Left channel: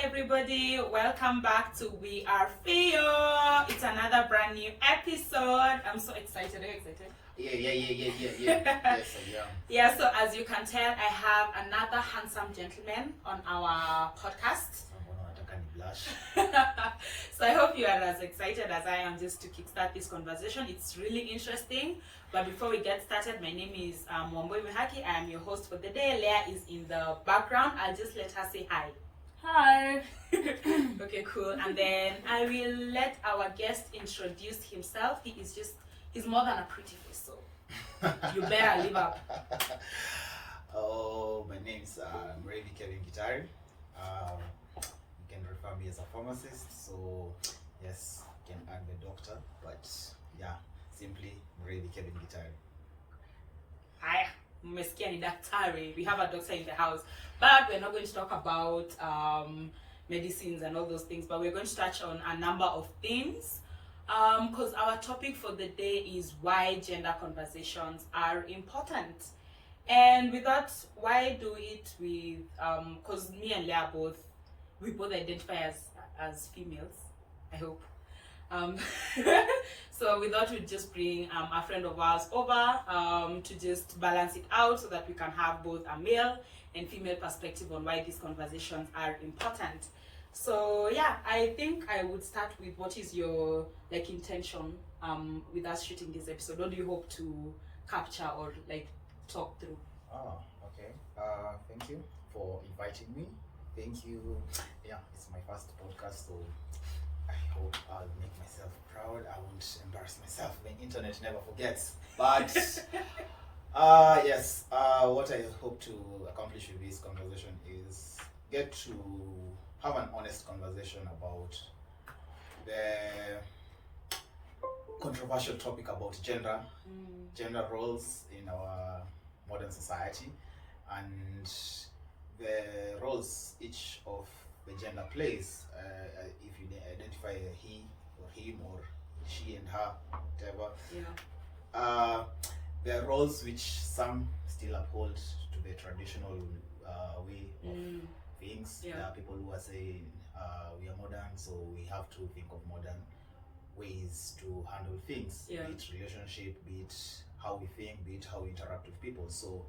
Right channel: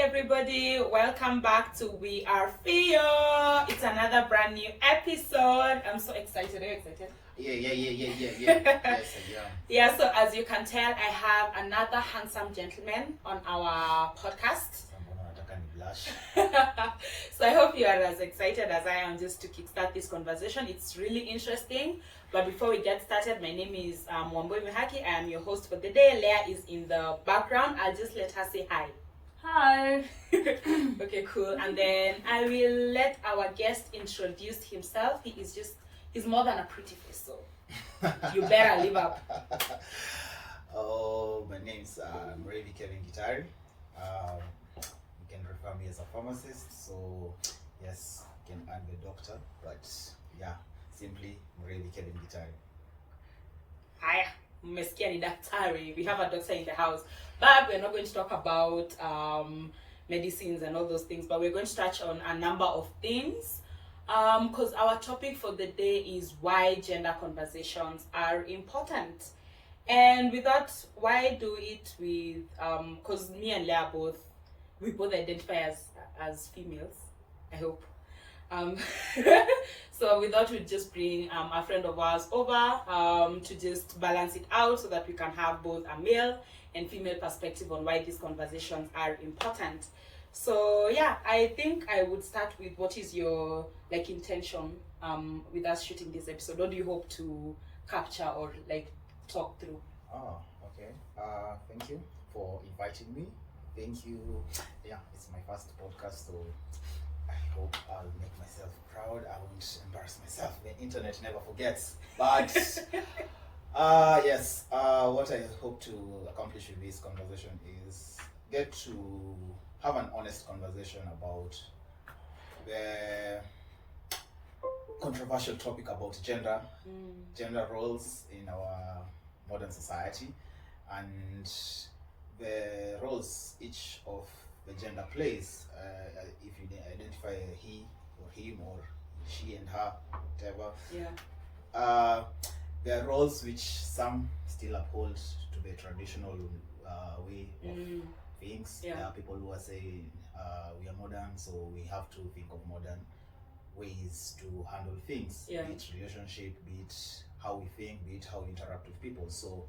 everybody, welcome back to We Are Fio. It's another brand new episode. I'm so excited. Are you excited? Yeah. Yes, I am. Yeah, so as you can tell, I have another handsome gentleman on our podcast. So I hope you are as excited as I am just to kickstart this conversation. It's really interesting. But before we get started, my name is Wambui Mihaki. I am your host for the day. Leah is in the background. I'll just let her say hi. Hi. Okay, cool. And then I will let our guest introduce himself. He's more than a pretty face, so you better live up. Oh, my name's Mrevi Kevin Gitari. You can refer me as a pharmacist. So, yes, I'm a doctor, but yeah, simply Mrevi Kevin Gitari. Hi, mmesikia ni daktari. We have a doctor in the house, but we're not going to talk about medicines and all those things, but we're going to touch on a number of things because our topic for the day is why gender conversations are important. And with that, why do it with because me and Leah we both identify as females, I hope. So we thought we'd just bring a friend of ours over to just balance it out so that we can have both a male and female perspective on why these conversations are important. So yeah, I think I would start with what is your intention with us shooting this episode? What do you hope to capture or talk through? Oh, okay. Thank you for inviting me. Thank you. Yeah, it's my first podcast, so I hope I'll make myself proud. I won't embarrass myself. The internet never forgets. But yes, what I hope to accomplish with this conversation is get to have an honest conversation about the controversial topic about gender roles in our modern society, and the roles each of the gender plays, if you identify he or him or she and her, whatever. Yeah. There are roles which some still uphold to the traditional way of things. Yeah. There are people who are saying we are modern, so we have to think of modern ways to handle things, Yeah. be it relationship, be it how we think, be it how we interact with people. So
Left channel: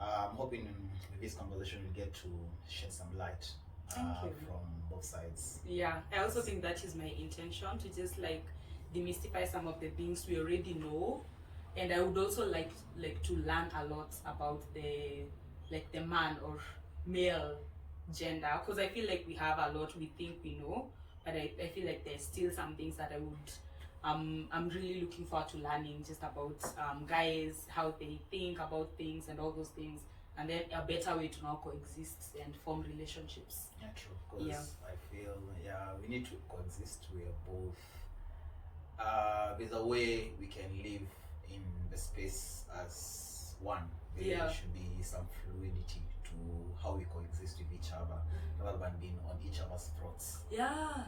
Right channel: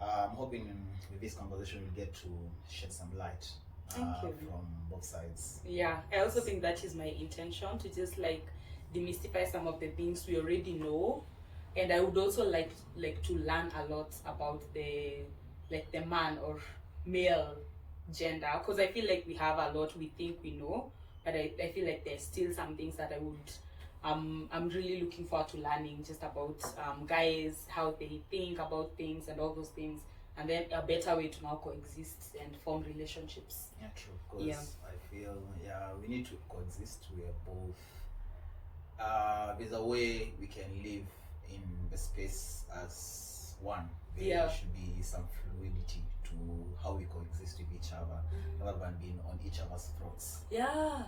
I'm hoping with this conversation we'll get to shed some light Thank you. from both sides. Yeah, I also think that is my intention, to just demystify some of the things we already know, and I would also like to learn a lot about the man or male gender, because I feel like we have a lot we think we know, but I feel like there's still some things that I would I'm really looking forward to learning just about guys, how they think about things and all those things, and then a better way to now coexist and form relationships. Yeah, true. Because I feel we need to coexist. We are both. There's a way we can live in the space as one. There should be some fluidity to how we coexist with each other, rather than being on each other's throats. Yeah.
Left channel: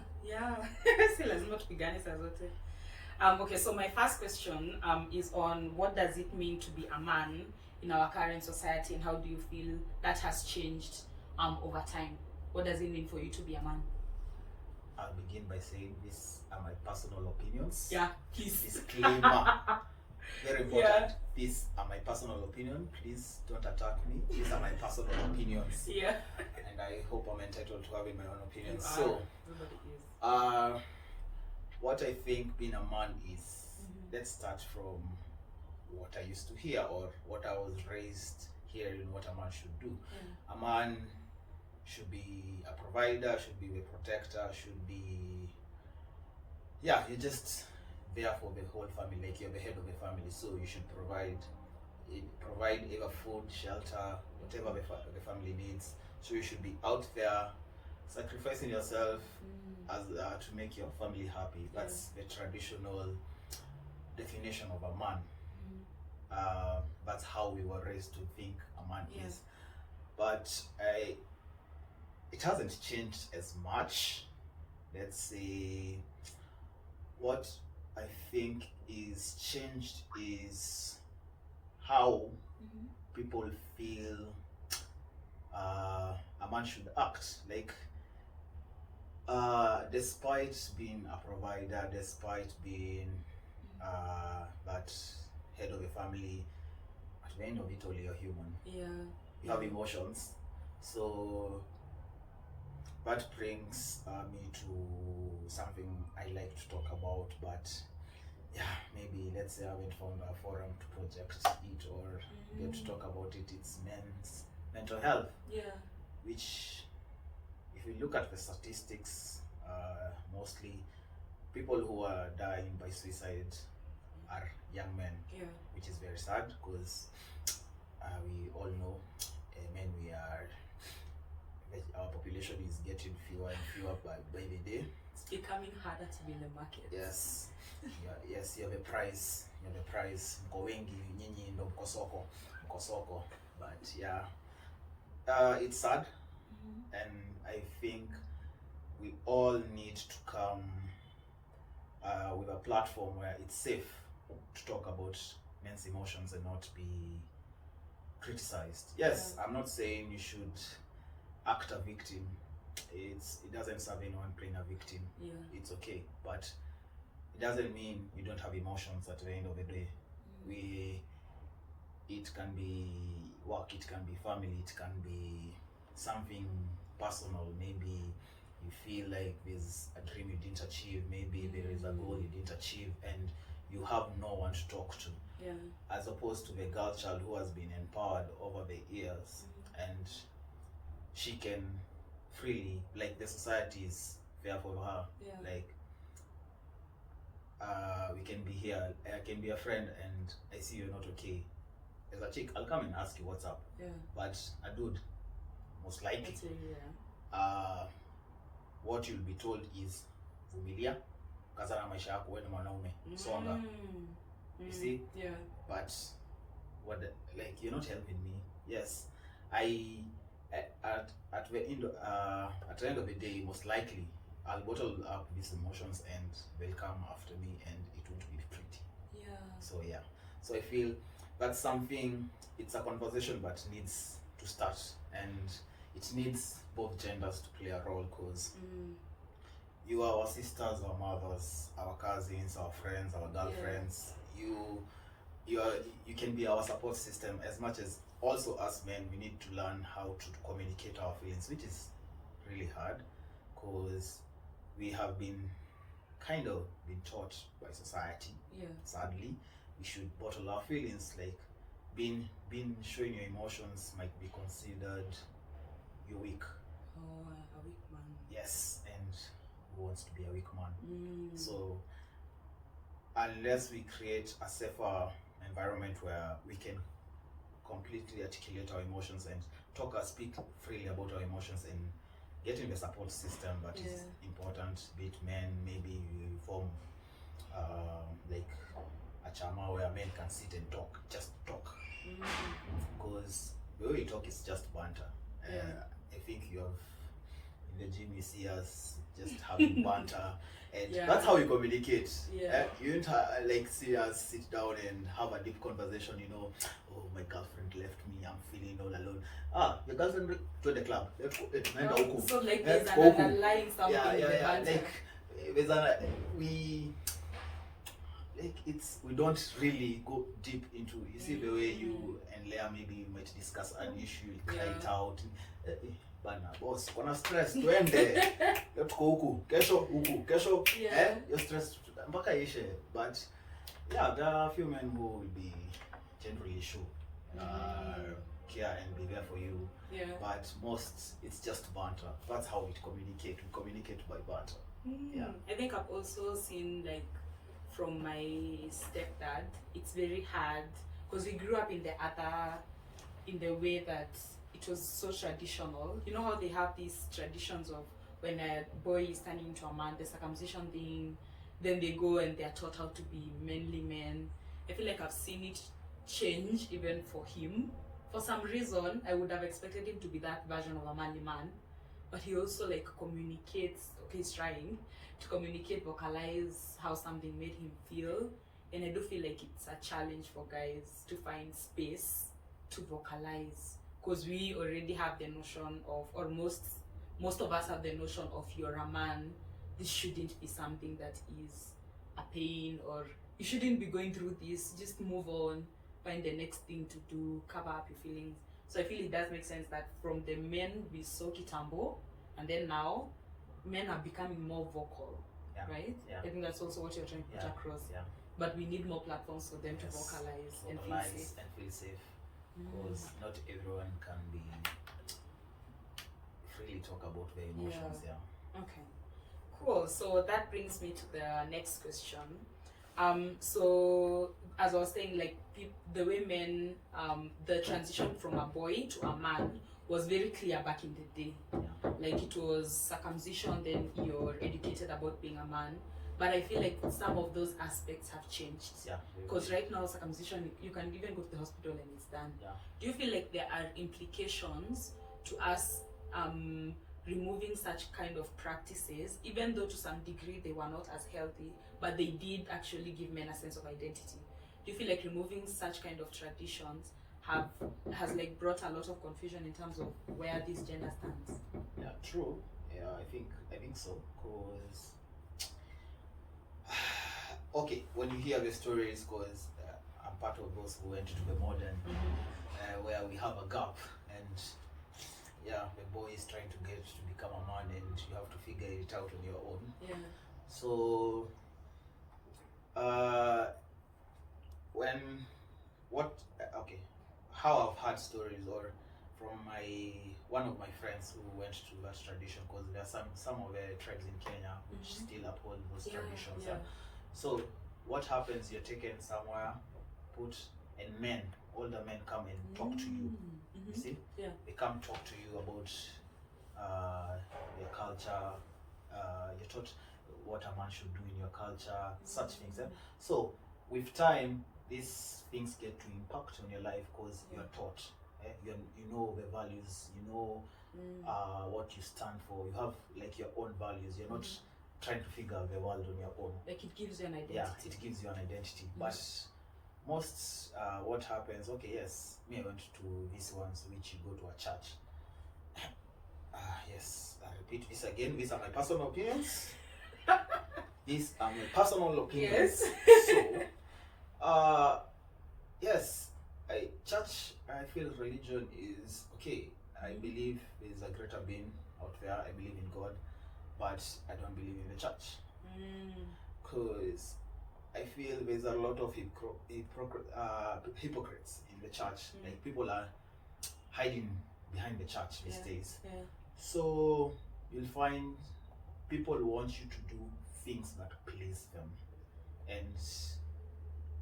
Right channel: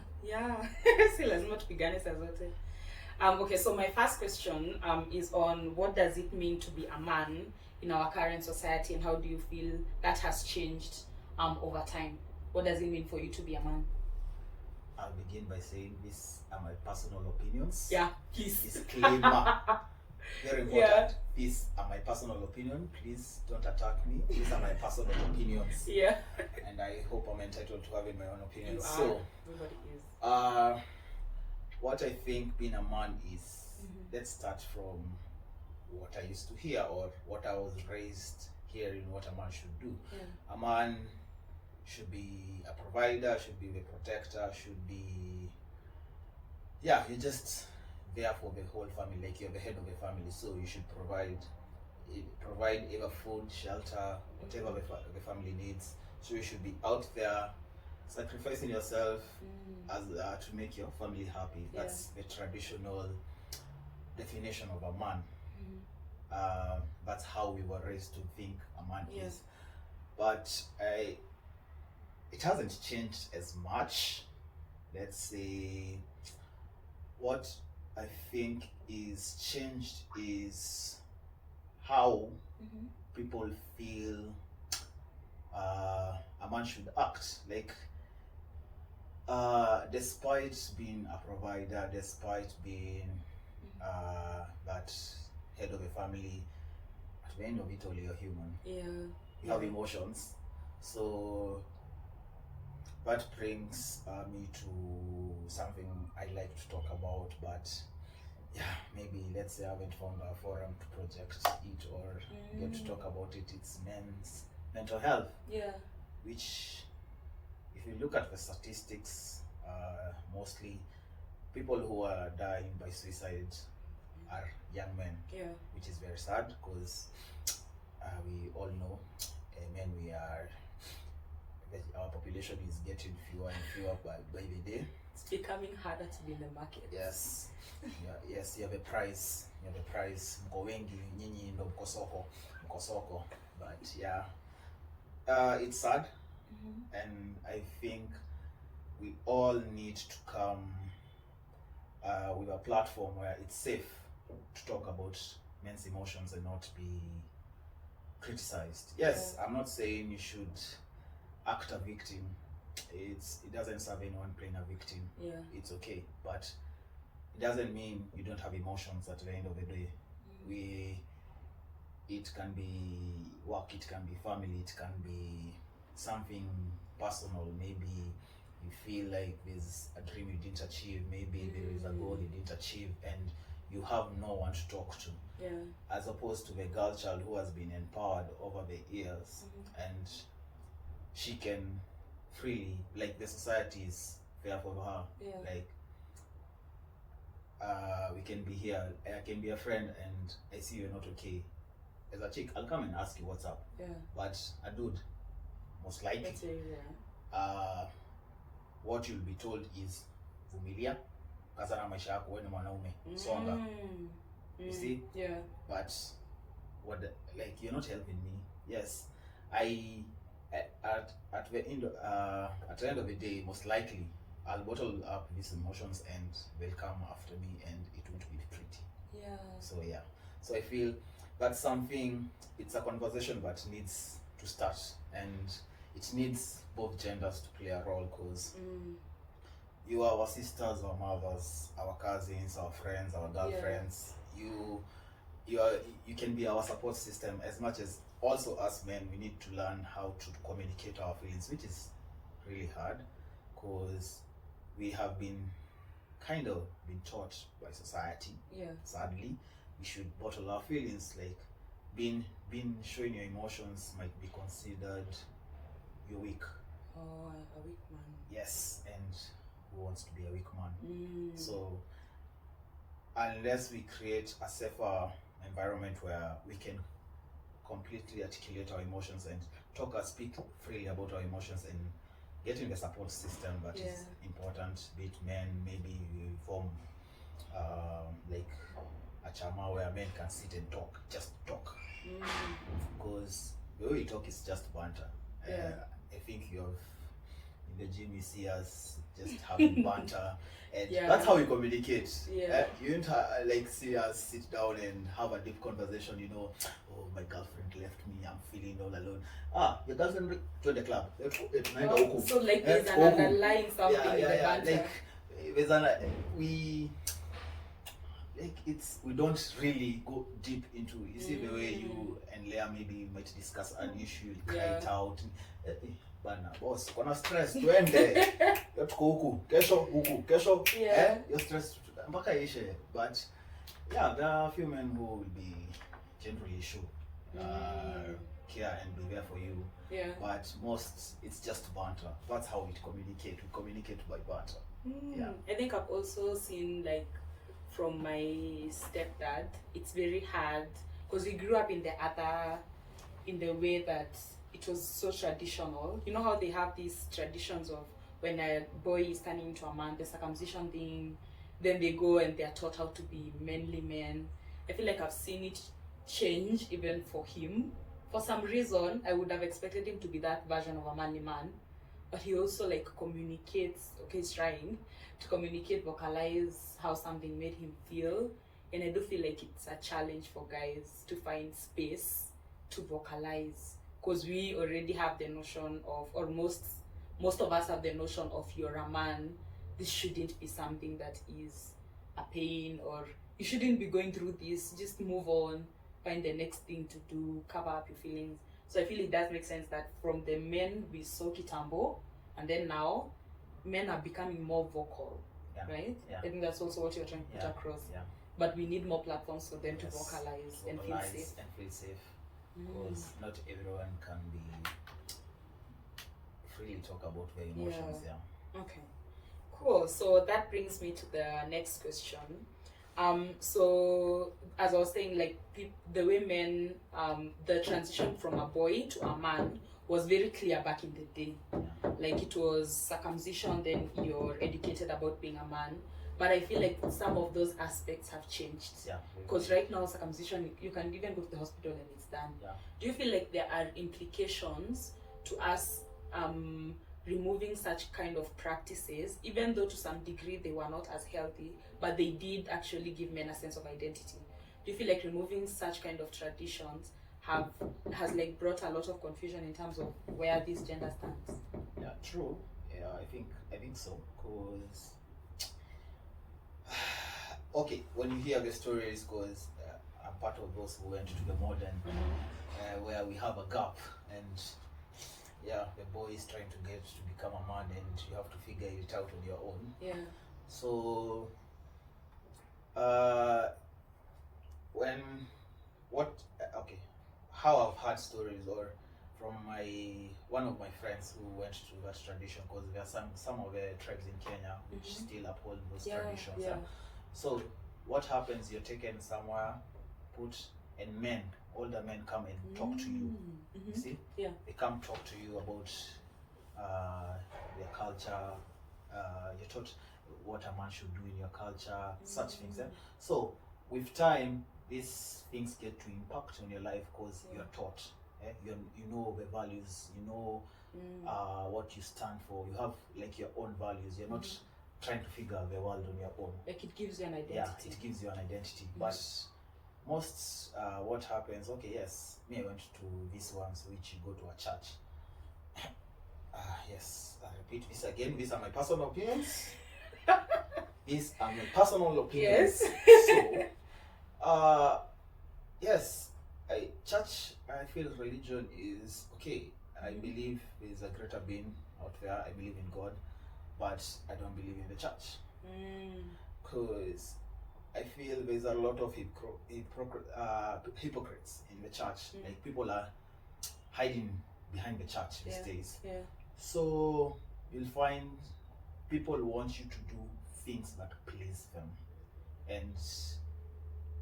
Si lazima tupigane saa zote. Okay, so my first question is on what does it mean to be a man in our current society, and how do you feel that has changed over time? What does it mean for you to be a man? I'll begin by saying these are my personal opinions. Yeah, please. Disclaimer. Very important. Yeah. These are my personal opinion. Please don't attack me. These are my personal opinions. Yeah. And I hope I'm entitled to having my own opinions. So, everybody is. What I think being a man is, let's start from what I used to hear or what I was raised hearing what a man should do. Yeah. A man should be a provider, should be a protector, should be, you're just there for the whole family, like you're the head of the family, so you should provide either food, shelter, whatever the family needs. So you should be out there sacrificing yourself as to make your family happy. That's the traditional definition of a man. That's how we were raised to think a man is. But it hasn't changed as much. Let's say what I think is changed is how people feel a man should act. Like Despite being a provider, despite being that head of a family, at the end of it all, you're human. Yeah. You have emotions. So that brings me to something I like to talk about, but yeah, maybe let's say I haven't found a forum to project it or get to talk about it. It's men's mental health, Yeah. which, if you look at the statistics, mostly people who are dying by suicide are young men, Yeah. which is very sad because we all know men, our population is getting fewer and fewer by the day. It's becoming harder to be in the market. Yes. Yeah, yes, you have a price. Mko wengi, nyinyi ndo mko soko. But yeah, it's sad, and I think we all need to come with a platform where it's safe to talk about men's emotions and not be criticized. Yes, I'm not saying you should act a victim. It doesn't serve anyone playing a victim. Yeah. It's okay, but it doesn't mean you don't have emotions at the end of the day. It can be work, it can be family, it can be something personal. Maybe you feel like there's a dream you didn't achieve, maybe there is a goal you didn't achieve, and you have no one to talk to. Yeah. As opposed to the girl child who has been empowered over the years, and she can freely, like, the society is there for her. Yeah. Like, we can be here, I can be a friend and I see you're not okay. As a chick, I'll come and ask you what's up. Yeah. But a dude, most likely, That's very rare. what you'll be told is vumilia, kazana maisha yako, wewe ni mwanaume, songa. You see? Yeah. But like, you're not helping me. Yes, at the end of the day, most likely I'll bottle up these emotions and they'll come after me, and it won't be pretty. Yeah. So yeah, so I feel that's something. It's a conversation that needs to start, and it needs both genders to play a role, because you are our sisters, our mothers, our cousins, our friends, our girlfriends. You can be our support system, as much as also us men, we need to learn how to communicate our feelings, which is really hard, because we have been taught by society. Yeah. Sadly, we should bottle our feelings. Like, being showing your emotions might be considered you're weak. Oh, a weak man. Yes, and who wants to be a weak man? So unless we create a safer environment where we can completely articulate our emotions and speak freely about our emotions, and getting the support system that is important, be it men, maybe we form like a chama where men can sit and just talk, because the way we talk is just banter. I think you have, in the gym you see us just having banter, and that's how we communicate. You don't like see us sit down and have a deep conversation, oh, my girlfriend left me, I'm feeling all alone. Your girlfriend went to the club. So like there's an underlying something in the banter. Like there's we don't really go deep into, you see, the way you and Leah maybe might discuss an issue, you cry it out. Bana boss, kuna stress, twende. Tuko huku, kesho. You're stressed mpaka ishe. But yeah, there are a few men who will be generally show care and be there for you. But most, it's just banter. That's how we communicate. We communicate by banter. I think I've also seen, like, from my stepdad, it's very hard because we grew up in the way that it was so traditional. You know how they have these traditions of when a boy is turning into a man, the circumcision thing, then they go and they're taught how to be manly men. I feel like I've seen it change even for him. For some reason, I would have expected him to be that version of a manly man, but he also like communicates. Okay, he's trying to communicate, vocalize how something made him feel, and I do feel like it's a challenge for guys to find space to vocalize, because we already have the notion of, or most most of us have the notion of you're a man, this shouldn't be something that is a pain, or you shouldn't be going through this, just move on, find the next thing to do, cover up your feelings. So I feel it does make sense that from the men we saw kitambo, and then now men are becoming more vocal, right? I think that's also what you're trying to put across. But we need more platforms for them to vocalize and feel safe. Because not everyone can be freely talk about their emotions. Okay, cool. So that brings me to the next question. So as I was saying, like the women, the transition from a boy to a man was very clear back in the day. Like it was circumcision, then you're educated about being a man. But I feel like some of those aspects have changed. Because right now, circumcision, you can even go to the hospital and it's done. Do you feel like there are implications to us removing such kind of practices, even though to some degree they were not as healthy, but they did actually give men a sense of identity? Do you feel like removing such kind of traditions has like brought a lot of confusion in terms of where this gender stands? True. I think so. Because okay, when you hear the stories, because I'm part of those who went to the modern, where we have a gap, and the boy is trying to get to become a man, and you have to figure it out on your own. So how I've heard stories, or from one of my friends who went to that tradition, because there are some of the tribes in Kenya which still uphold those traditions. So what happens, you're taken somewhere, and older men come and talk to you. You see? They come talk to you about their culture. You're taught what a man should do in your culture, such things. So with time, these things get to impact on your life, because you're taught. You know the values, you know what you stand for. You have like your own values. You're not trying to figure out the world on your own. Like it gives you an identity. It gives you an identity. But most what happens, me, I went to these ones which you go to a church. I repeat this again, these are my personal opinions. These are my personal opinions. So church, I feel religion is okay. I believe there's a greater being out there. I believe in God, but I don't believe in the church. Because I feel there's a lot of hypocrites in the church. Like people are hiding behind the church these days. So you'll find people want you to do things that please them, and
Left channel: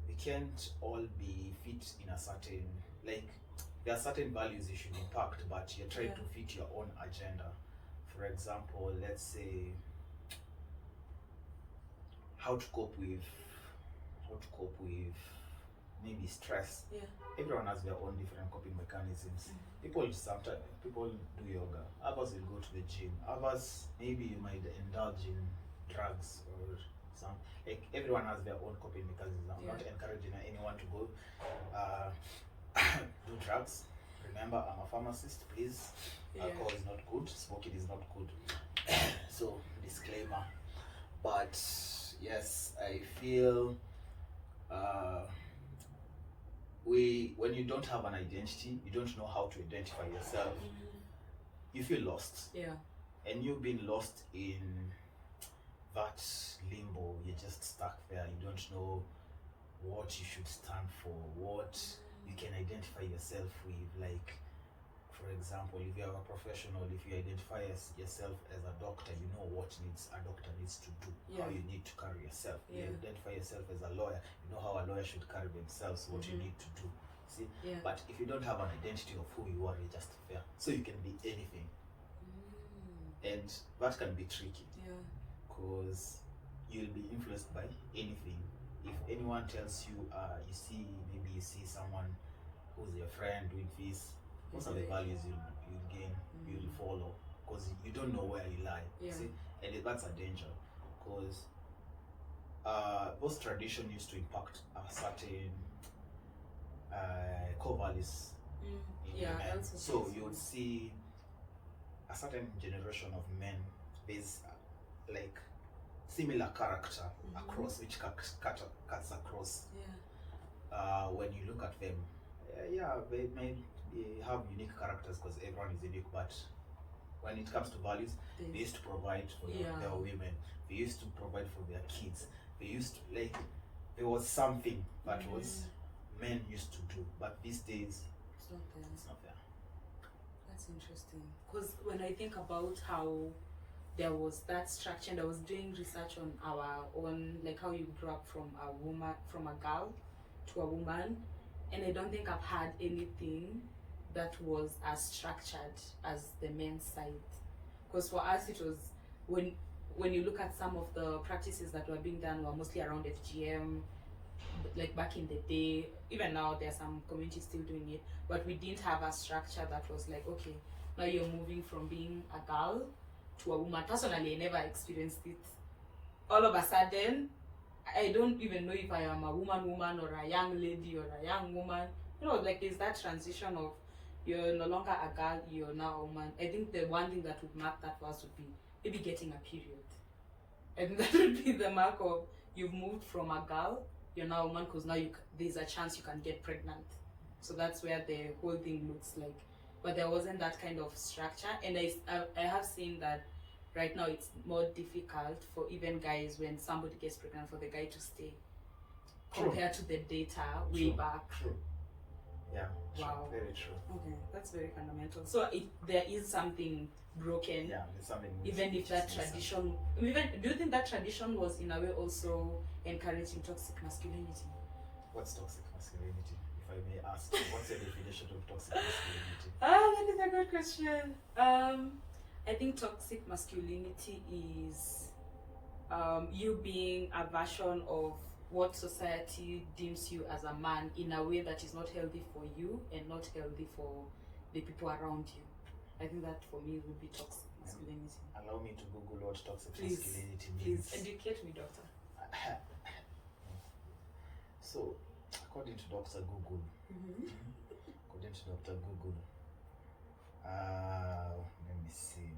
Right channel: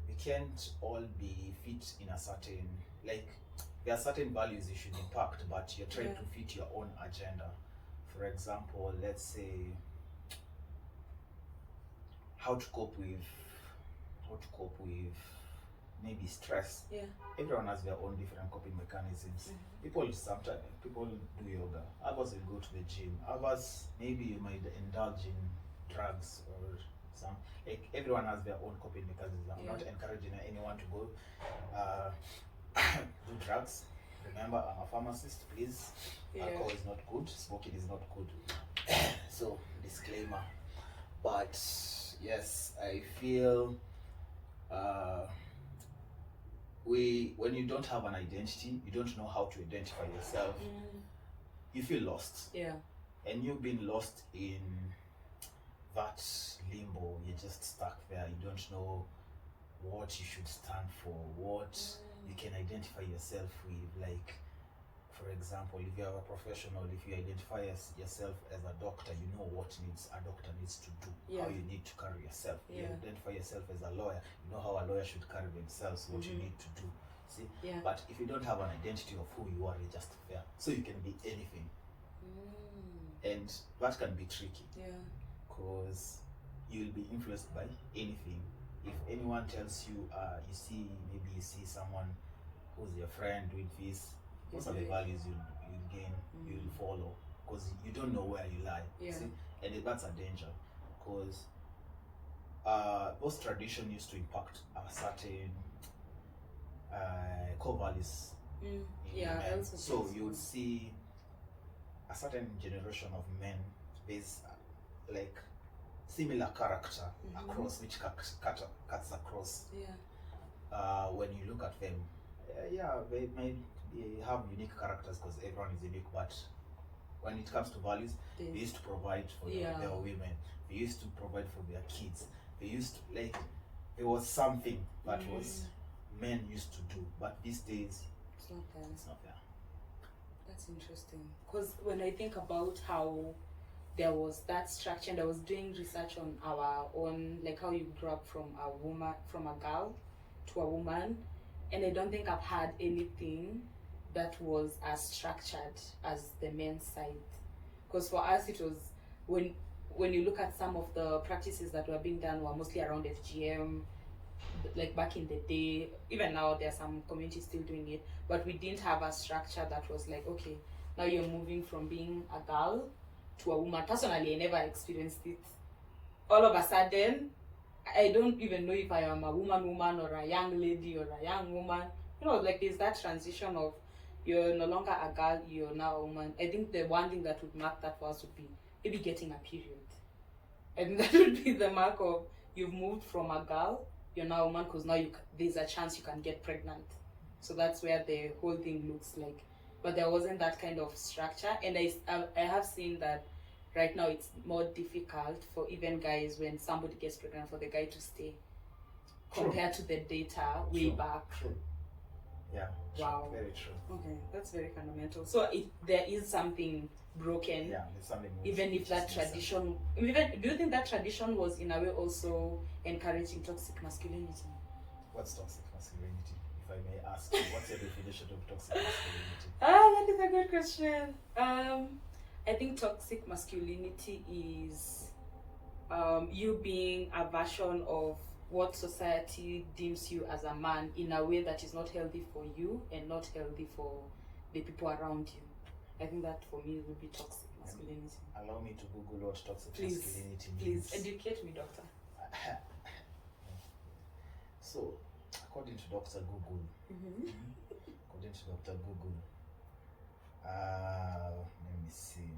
we can't all be fit in a certain, like there are certain values you should impact, but you're trying to fit your own agenda. For example, let's say how to cope with maybe stress. Everyone has their own different coping mechanisms. People do yoga, others will go to the gym, others maybe you might indulge in drugs or some, like everyone has their own coping mechanisms. I'm not encouraging anyone to go do drugs. Remember, I'm a pharmacist, please. Alcohol is not good, smoking is not good. So disclaimer. But yes, I feel when you don't have an identity, you don't know how to identify yourself, you feel lost. And you've been lost in that limbo. You're just stuck there. You don't know what you should stand for, what you can identify yourself with. Like, for example, if you're a professional, if you identify yourself as a doctor, you know what a doctor needs to do, how you need to carry yourself. You identify yourself as a lawyer, you know how a lawyer should carry themselves, what you need to do. See? But if you don't have an identity of who you are, you're just there. So you can be anything. And that can be tricky. Because you'll be influenced by anything. If anyone tells you, you see someone who's your friend doing this, most of the values you'll gain, you'll follow, because you don't know where you lie. See? And that's a danger, because those traditions used to impact a certain core values. So you would see a certain generation of men, there's like similar character across, which cuts across. When you look at them, yeah, they may have unique characters because everyone is unique, but when it comes to values, they used to provide for their women, they used to provide for their kids, they used to, like, there was something that was men used to do, but these days it's not there. It's not there. That's interesting, because when I think about how there was that structure, and I was doing research on our own, like how you grew up from a girl to a woman, and I don't think I've had anything that was as structured as the men's side. Because for us, it was when you look at some of the practices that were being done were mostly around FGM, like back in the day. Even now, there are some communities still doing it, but we didn't have a structure that was like, okay, now you're moving from being a girl to a woman. Personally, I never experienced it. All of a sudden, I don't even know if I am a woman or a young lady or a young woman. Like there's that transition of you're no longer a girl, you're now a woman. I think the one thing that would mark that for us would be maybe getting a period. I think that would be the mark of you've moved from a girl, you're now a woman, because now there's a chance you can get pregnant. So that's where the whole thing looks like. But there wasn't that kind of structure, and I have seen that right now it's more difficult for even guys when somebody gets pregnant for the guy to stay. True. Compared to the data way back. True. Yeah. Wow. True. Very true. Okay, that's very fundamental. So there is something broken. Yeah, there's something. Even if that tradition, do you think that tradition was in a way also encouraging toxic masculinity? What's toxic masculinity? If I may ask, what's the definition of toxic masculinity? That is a good question. I think toxic masculinity is you being a version of what society deems you as a man in a way that is not healthy for you and not healthy for the people around you. I think that for me would be toxic masculinity. Allow me to Google what toxic Please, masculinity means. Please educate me, doctor. So, according to Dr. Google, let me see.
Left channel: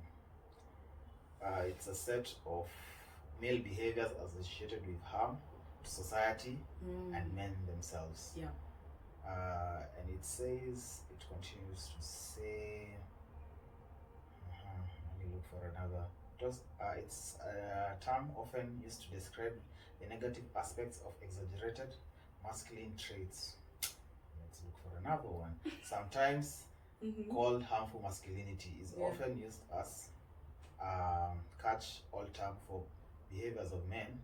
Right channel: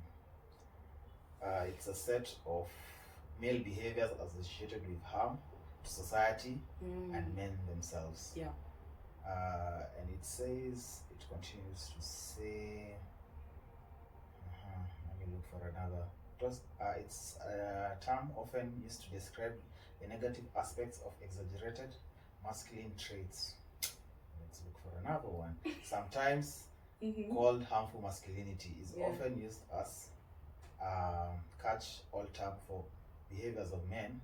It's a set of male behaviors associated with harm to society and men themselves. Yeah. And it continues to say, let me look for another. It's a term often used to describe the negative aspects of exaggerated masculine traits. Let's look for another one. Sometimes called harmful masculinity is often used as catch-all term for behaviors of men.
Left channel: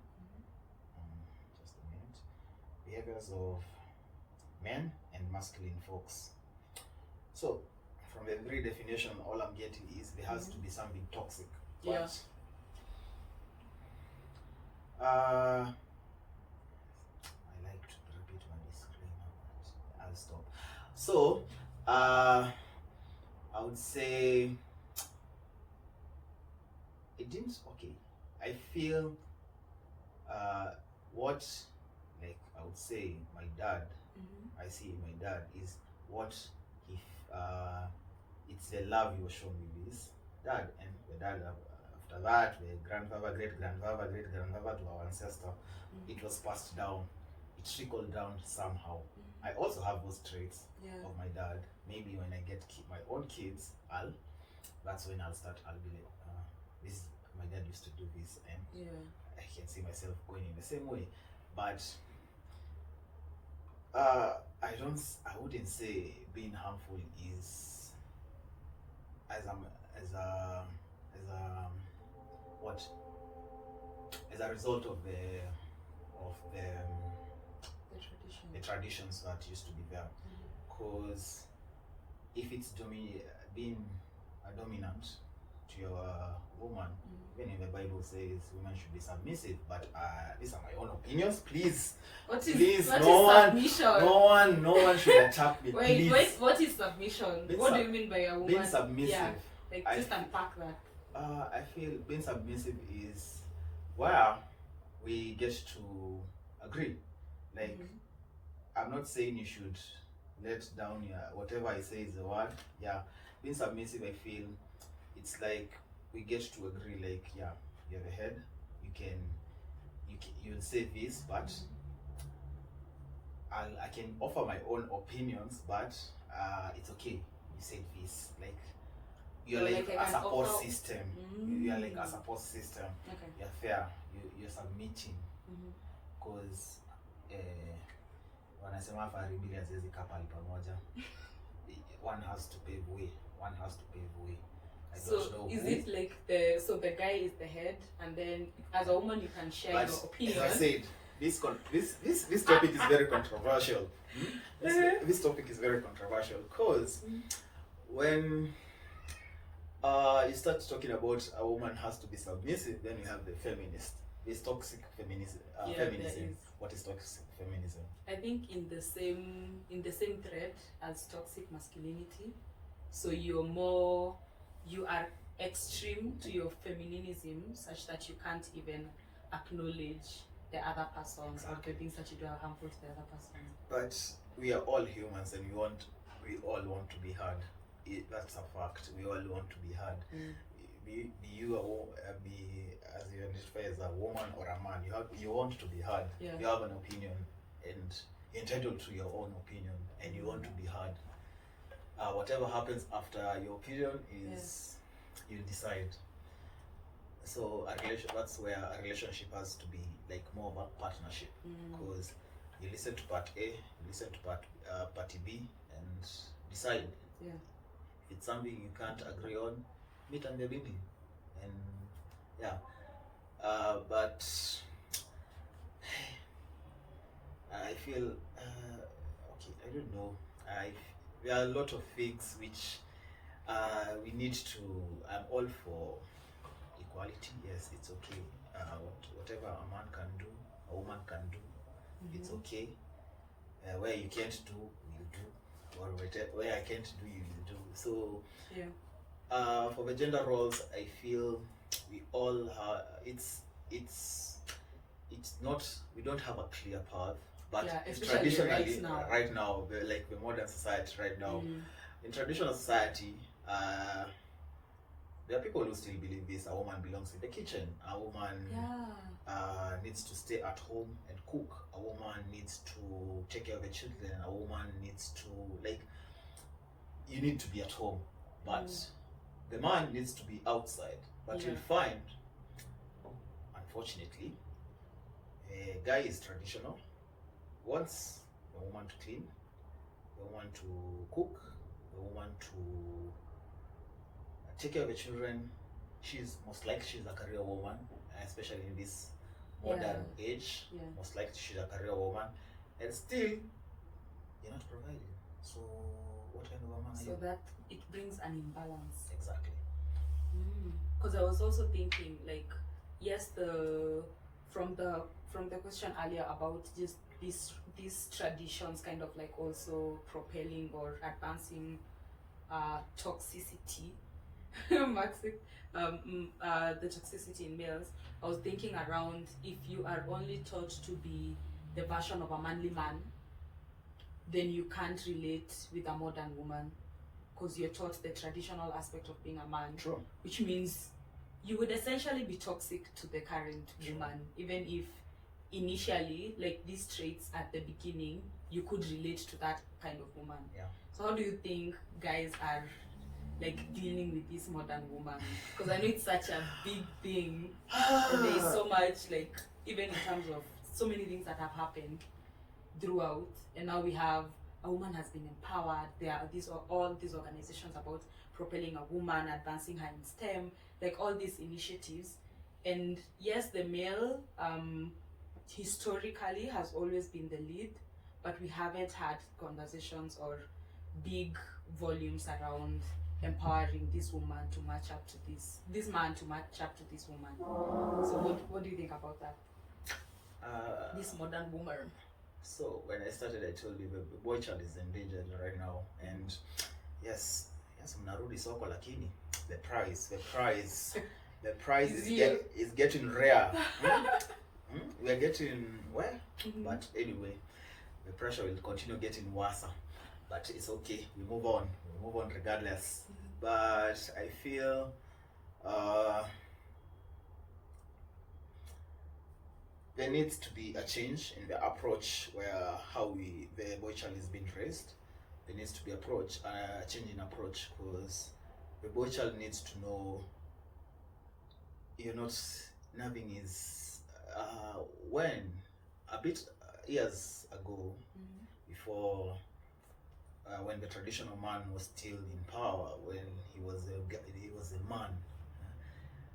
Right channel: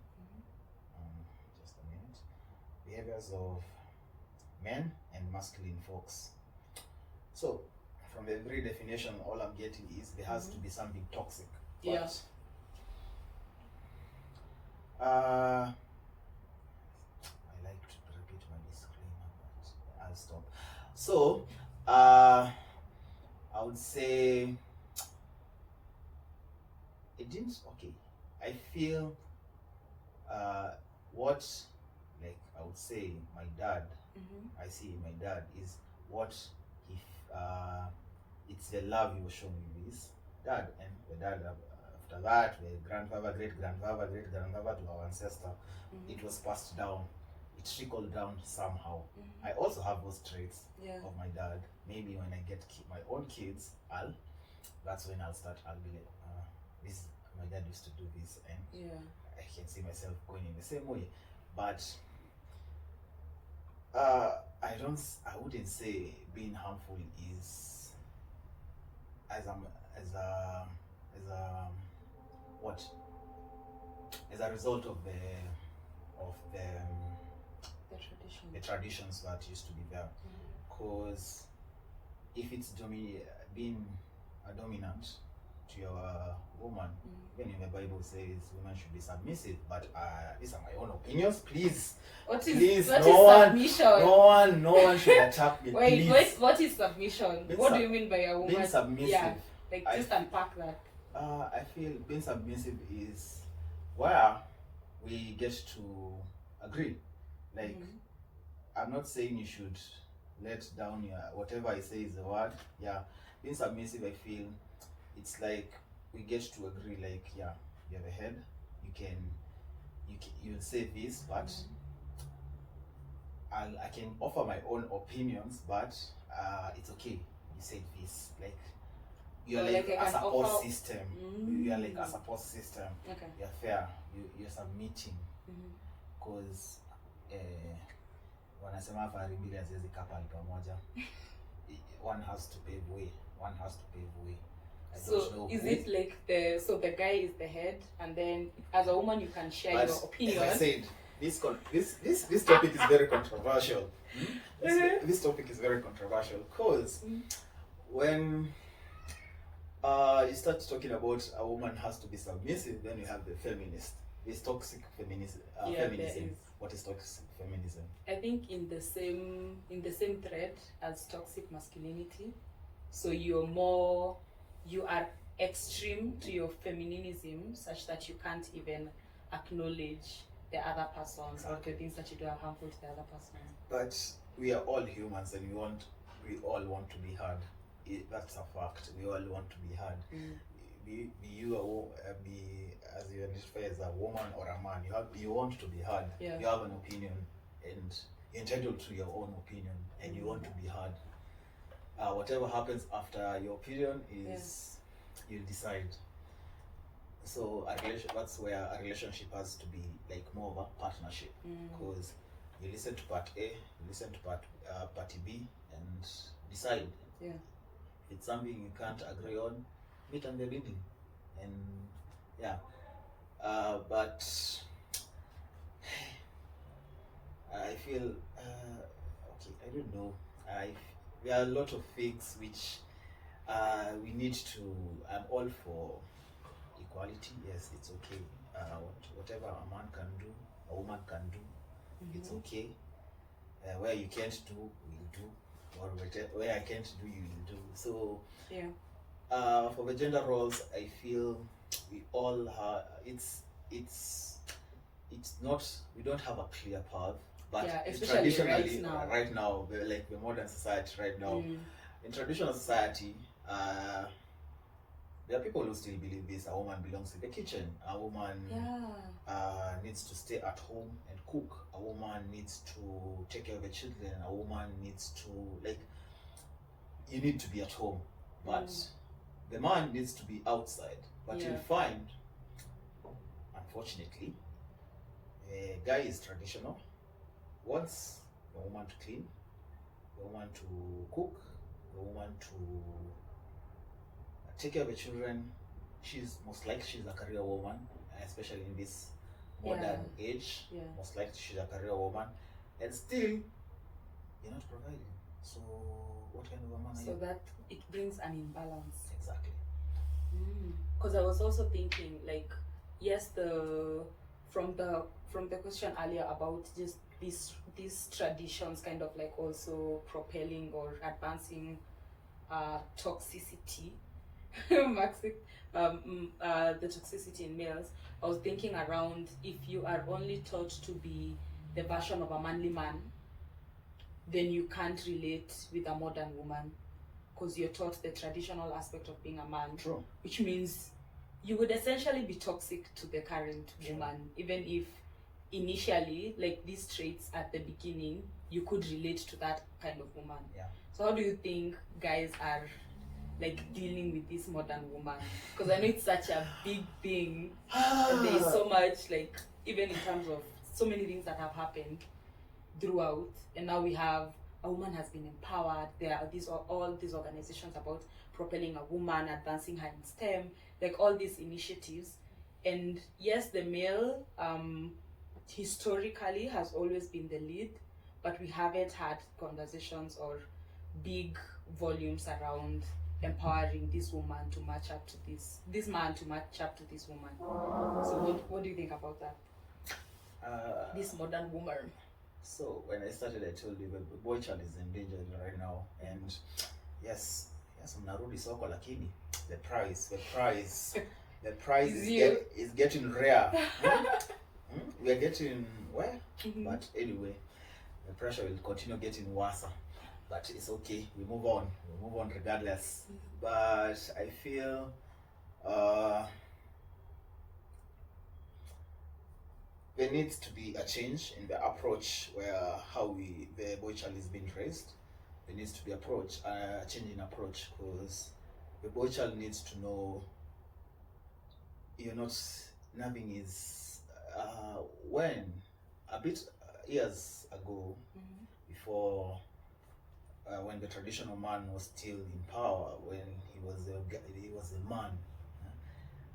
Just a minute. Behaviors of men and masculine folks. So, from the very definition, all I'm getting is there has to be something toxic. But, I like to repeat my disclaimer, but I'll stop. So, I would say it didn't. Okay, I feel what, like, I would say my dad. I see my dad is what if it's the love he was shown with his dad, and the dad after that, the grandfather, great grandfather to our ancestor. It was passed down. It trickled down somehow. I also have those traits of my dad. Maybe when I get my own kids, that's when I'll be like, this, my dad used to do this, and I can see myself going in the same way. But I wouldn't say being harmful is as a result of the traditions that used to be there. Because if it's being a dominant to your woman, even in the Bible says women should be submissive, but these are my own opinions. Please, what is submission? No one should attack me. Wait, what is submission? What do you mean by a woman being submissive? Yeah, like just unpack that. I feel being submissive is where we get to agree. Like, I'm not saying you should let down whatever I say is the word. Yeah, being submissive, I feel, it's like we get to agree, like, yeah, you have a head, you'll say this, but I can offer my own opinions, but it's okay, you said this, like you're So, like like, I a can support offer- system. Mm. You're like a support system. Okay. You're fair. You're submitting, Mhm. because wanasema fahari mbili haziwezi kaa pahali pamoja. One has to pave way. One has to pave way. I don't So know is who, it like the guy is the head, and then as a woman you can share but your opinion? as I said, this topic is very controversial. This topic is very controversial because when you start talking about a woman has to be submissive, then you have the feminist. This toxic feminism. Yeah, there Feminism. is. What is toxic feminism? I think in the same thread as toxic masculinity. So you are extreme to your feminism such that you can't even acknowledge the other person or the things that you do are harmful to the other person. But we are all humans, and we all want to be heard. That's a fact. We all want to be heard. Be as you identify as a woman or a man, you want to be heard. Yeah. You have an opinion, and you're entitled to your own opinion, and you want to be heard. Whatever happens after your opinion is you'll decide. So that's where a relationship has to be like more of a partnership, because you listen to part A, you listen to party B, and decide. Yeah. If it's something you can't agree on, meet and be meeting, and yeah. But I feel okay. I don't know. There are a lot of things which we need to. I'm all for equality. Yes, it's okay. Whatever a man can do, a woman can do. It's okay. Where you can't do, you do, or where I can't do, you will do. So yeah. For the gender roles, I feel we all have. It's not. We don't have a clear path. But Yeah, especially traditionally, right now. like the modern society right now, in traditional society, there are people who still believe this: a woman belongs in the kitchen. A woman needs to stay at home and cook. A woman needs to take care of the children. A woman needs to you need to be at home, but the man needs to be outside. But you'll find, unfortunately, a guy is traditional. Wants the woman to clean, the woman to cook, the woman to take care of the children. Most likely she's a career woman, especially in this modern age. Most likely she's a career woman, and still you're not providing. So what kind of a man are you? So that it brings an imbalance. Exactly. Because I was also thinking, like, yes, from the question earlier about just these traditions kind of like also propelling or advancing toxicity, the toxicity in males. I was thinking around, if you are only taught to be the version of a manly man, then you can't relate with a modern woman, because you're taught the traditional aspect of being a man. True. Which means you would essentially be toxic to the current woman, even if initially, like these traits at the beginning, you could relate to that kind of woman. Yeah. So how do you think guys are like dealing with this modern woman? Because I know it's such a big thing, and there is so much, like, even in terms of so many things that have happened throughout, and now we have a woman has been empowered. There are all these organizations about propelling a woman, advancing her in STEM, like all these initiatives. And yes, the male historically has always been the lead, but we haven't had conversations or big volumes around empowering this woman to match up to this man to match up to this woman. So what do you think about that? This modern woman. So when I started, I told you the boy child is endangered right now, and yes, mnarudi soko, lakini the price is getting rare. We are getting where? But anyway, the pressure will continue getting worse. But it's okay. We move on regardless. But I feel Uh, there needs to be a change in the approach where how the boy child is being raised. There needs to be a change in approach, because the boy child needs to know you're not, nothing is, when a bit years ago, before, when the traditional man was still in power, when he was a man,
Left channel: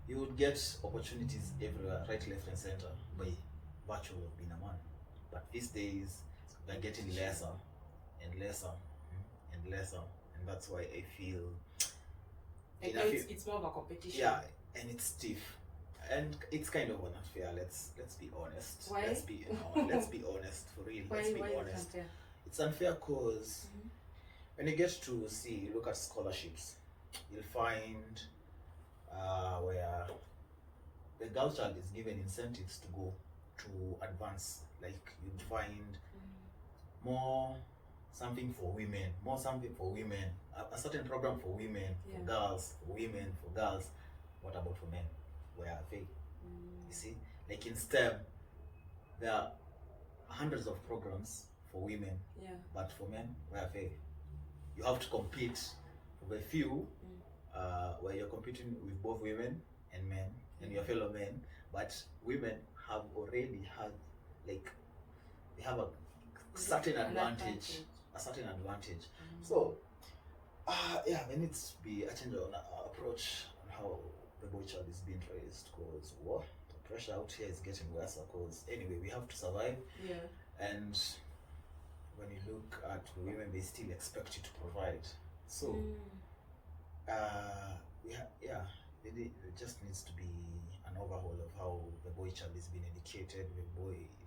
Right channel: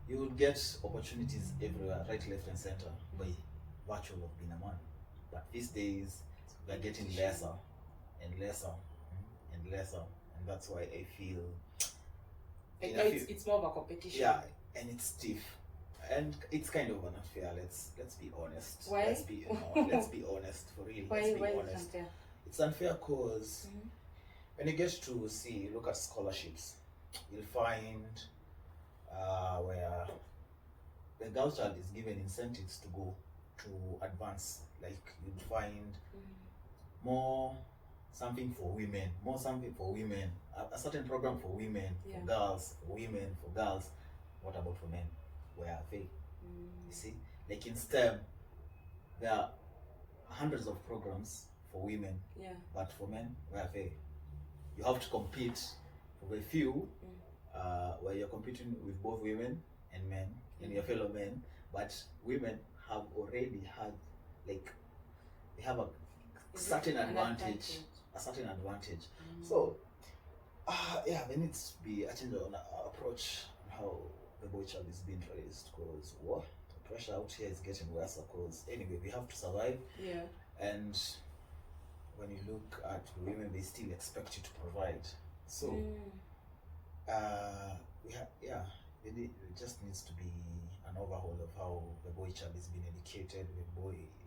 you would get opportunities everywhere, right, left, and center, by virtue of being a man. But these days, they're getting lesser and lesser and lesser, and that's why I feel. Like now it's more of a competition. Yeah, and it's stiff, and it's kind of unfair. Let's be honest. Why? Let's be honest, for real. Why? Let's be Why honest. is it unfair? It's unfair because when you get to look at scholarships, you'll find where the girl child is given incentives to go to advance. Like you'd find more something for women, a certain program for women, for girls, for women, for girls. What about for men? Where are they? You see, like in STEM, there are hundreds of programs for women, but for men, where are they? You have to compete for a few, where you're competing with both women and men and your fellow men, but women have already had, like, they have a certain advantage. So there needs to be a change on approach on how the boy child is being raised, because the pressure out here is getting worse, because anyway we have to survive, and when you look at the women, they still expect you to provide. So it just needs to be an overhaul of how the boy child is being educated.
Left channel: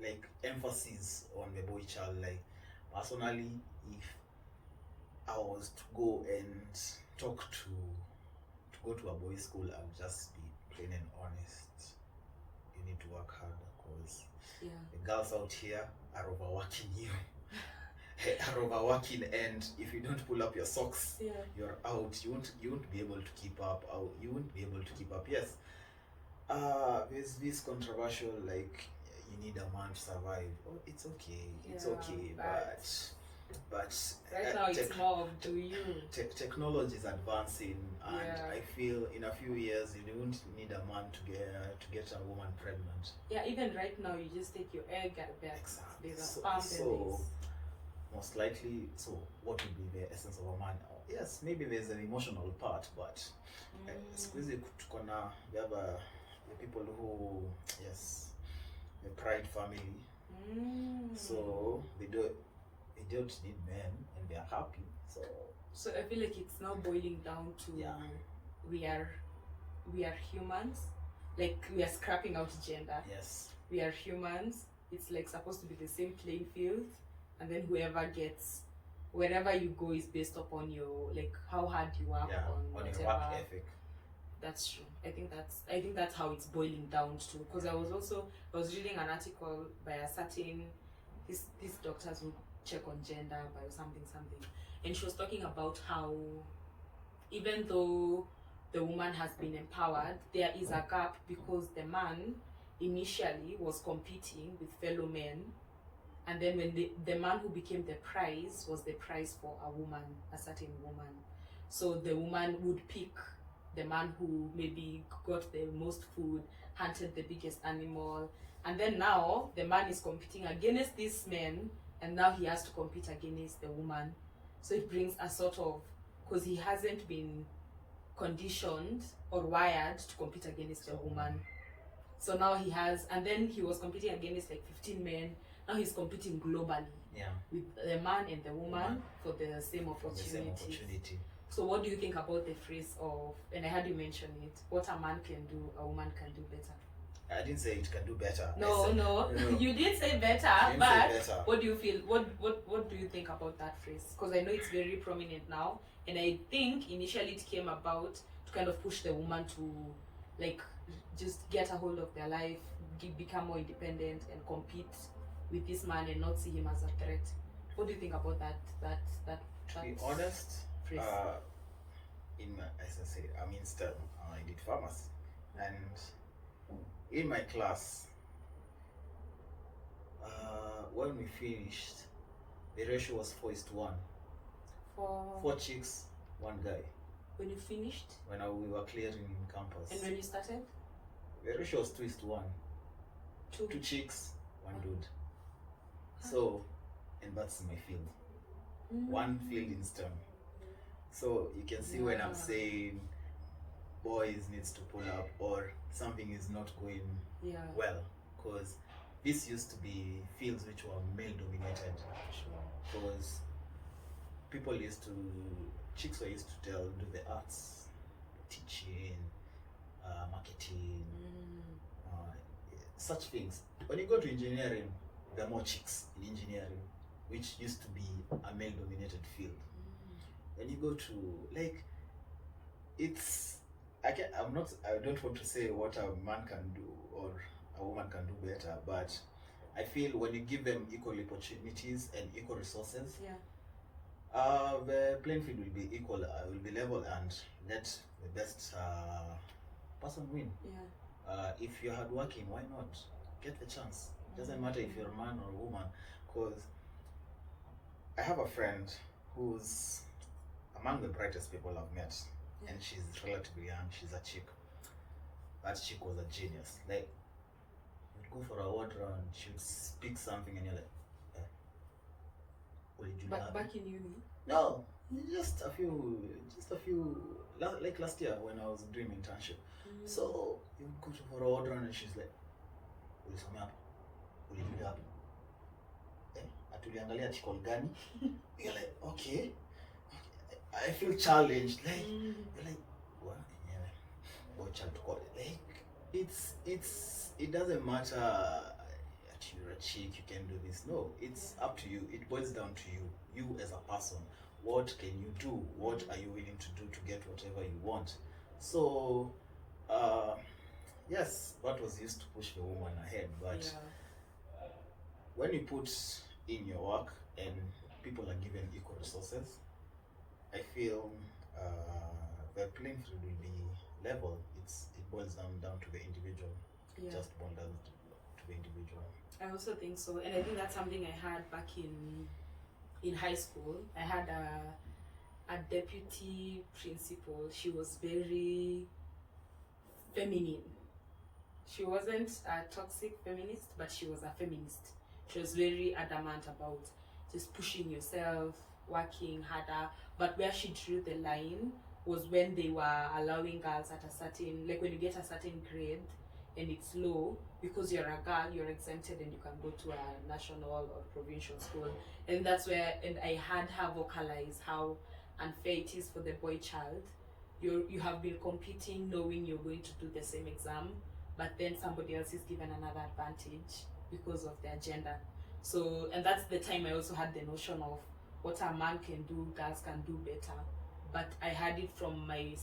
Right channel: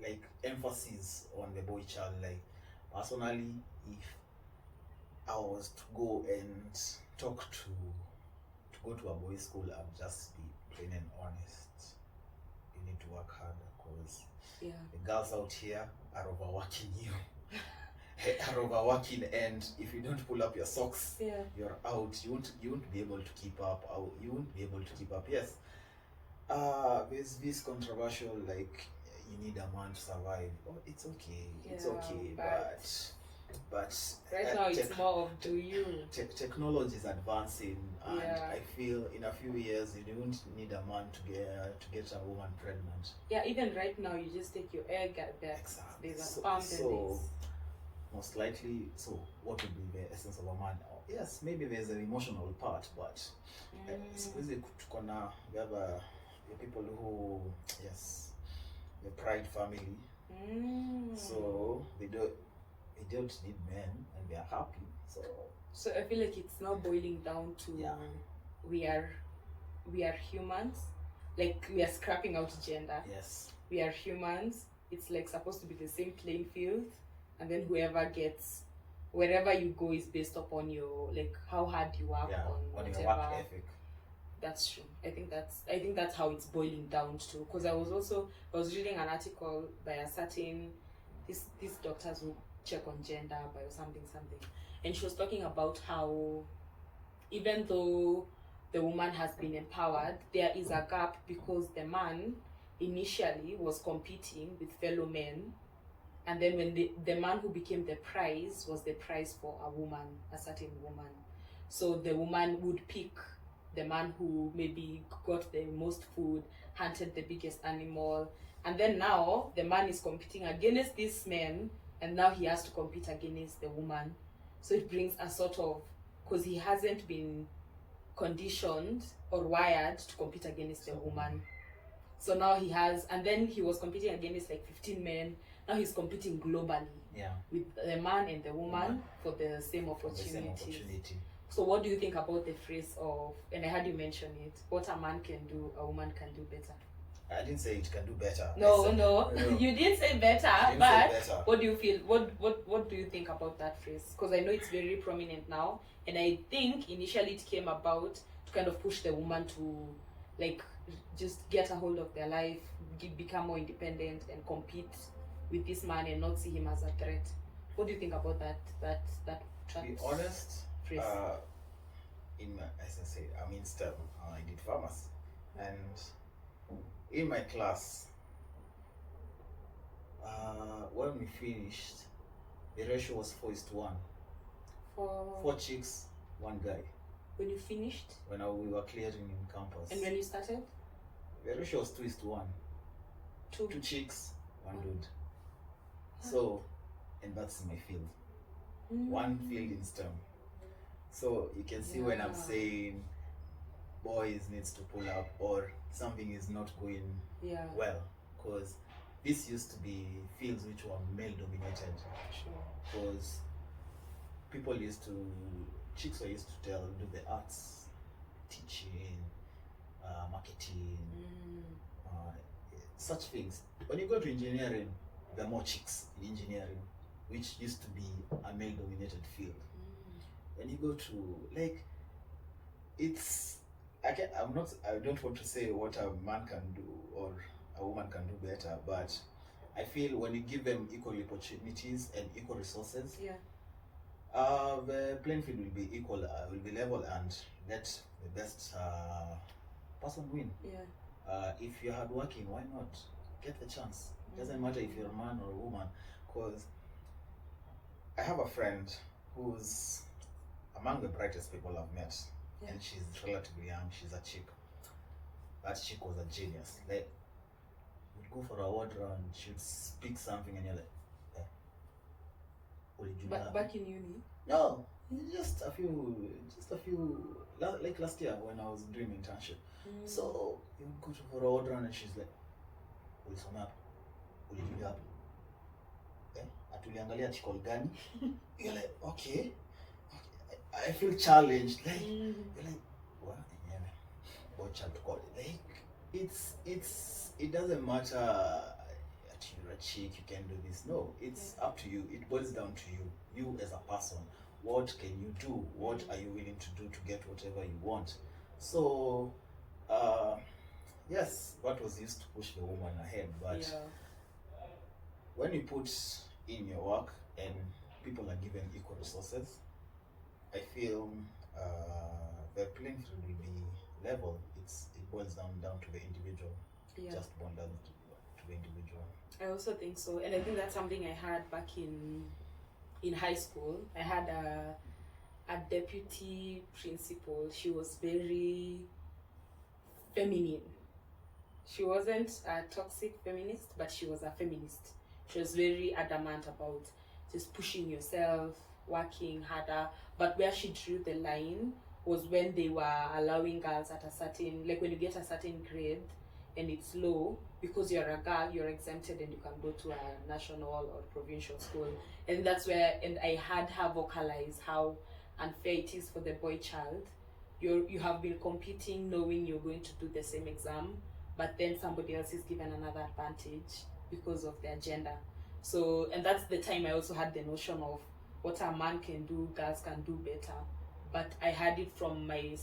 Like emphasis on the boy child. Like personally, if I was to go and go to a boys' school, I'd just be plain and honest. You need to work harder, because the girls out here are overworking you. Are overworking, and if you don't pull up your socks, you're out. You won't be able to keep up. Yes. There's this controversial, like, you need a man to survive. Oh, it's okay. It's okay, but right now it's more of do you. Technology is advancing, and I feel in a few years you don't need a man to get a woman pregnant. Yeah, even right now you just take your egg at that. Exactly. There's a pump so most likely, so what would be the essence of a man? Yes, maybe there's an emotional part, but we have the people who, the pride family, so they don't need men and they are happy. So I feel like it's now boiling down to we are humans, like we are scrapping out gender. Yes, we are humans. It's like supposed to be the same playing field, and then whoever gets, wherever you go is based upon your, like, how hard you work on your work ethic. That's true. I think that's how it's boiling down to. Because I was reading an article by a certain these doctors who check on gender by something, and she was talking about how even though the woman has been empowered, there is a gap because the man initially was competing with fellow men. And then when the man who became the prize was the prize for a certain woman. So the woman would pick the man who maybe got the most food, hunted the biggest animal. And then now the man is competing against this man, and now he has to compete against the woman. So it brings a sort of, because he hasn't been conditioned or wired to compete against a woman. So now he has, and then he was competing against like 15 men. Now he's competing globally with the man and the woman for the same opportunity. So what do you think about the phrase of, and I heard you mention it, what a man can do, a woman can do better? I didn't say it can do better. No. You did say better, what do you feel? What do you think about that phrase? Because I know it's very prominent now, and I think initially it came about to kind of push the woman to, like, just get a hold of their life, become more independent, and compete with this man and not see him as a threat. What do you think about that? To be honest, phrase? as I said, I'm in STEM. I did pharmacy, and in my class, when we finished, the ratio was 4:1. For 4 chicks, 1 guy. when you finished When we were clearing campus, and when you started, the ratio was 2:1. two. 2 chicks, 1 Mm. dude. So, and that's my field. One field in STEM. So you can see when I'm Yeah. saying boys needs to pull up or something is not going Yeah, well, because this used to be fields which were male dominated, sure. because chicks were used to do the arts, teaching, marketing, such things. When you go to engineering, there are more chicks in engineering, which used to be a male dominated field. When you go to, like, I don't want to say what a man can do or a woman can do better, but I feel when you give them equal opportunities and equal resources, Yeah. the playing field will be equal, will be level, and let the best person win. Yeah. If you're hardworking, why not get the chance? Doesn't matter if you're a man or a woman, because I have a friend who's among the brightest people I've met, Yeah. and she's relatively young. She's a chick. That chick was a genius. Like, you'd go for a word round, she'd speak something, and you're like, what did you learn? Back in uni. No, just a few, like last year when I was doing internship. So you would go to for a word round, and she's like, ulisomea hapo, ulijulia hapo, atuliangalia article gani? You're like, okay. I feel challenged. Like, you're like, what? Yeah, boy child to call it. Like, it doesn't matter that you're a chick, you can do this. No, it's up to you. It boils down to you. You as a person. What can you do? What are you willing to do to get whatever you want? So, yes, that was used to push the woman ahead. But when you put in your work and people are given equal resources, I feel the playing field will be level. It boils down to the individual. Yeah. Just boils down to the individual. I also think so, and I think that's something I had back in high school. I had a deputy principal. She was very feminine. She wasn't a toxic feminist, but she was a feminist. She was very adamant about just pushing yourself, working harder. But where she drew the line was when they were allowing girls at a certain, like when you get a certain grade and it's low, because you're a girl, you're exempted and you can go to a national or provincial school. And that's where, and I had her vocalize how unfair it is for the boy child. You have been competing knowing you're going to do the same exam, but then somebody else is given another advantage because of their gender. So, and that's the time I also had the notion of what a man can do, girls can do better. But I had it from my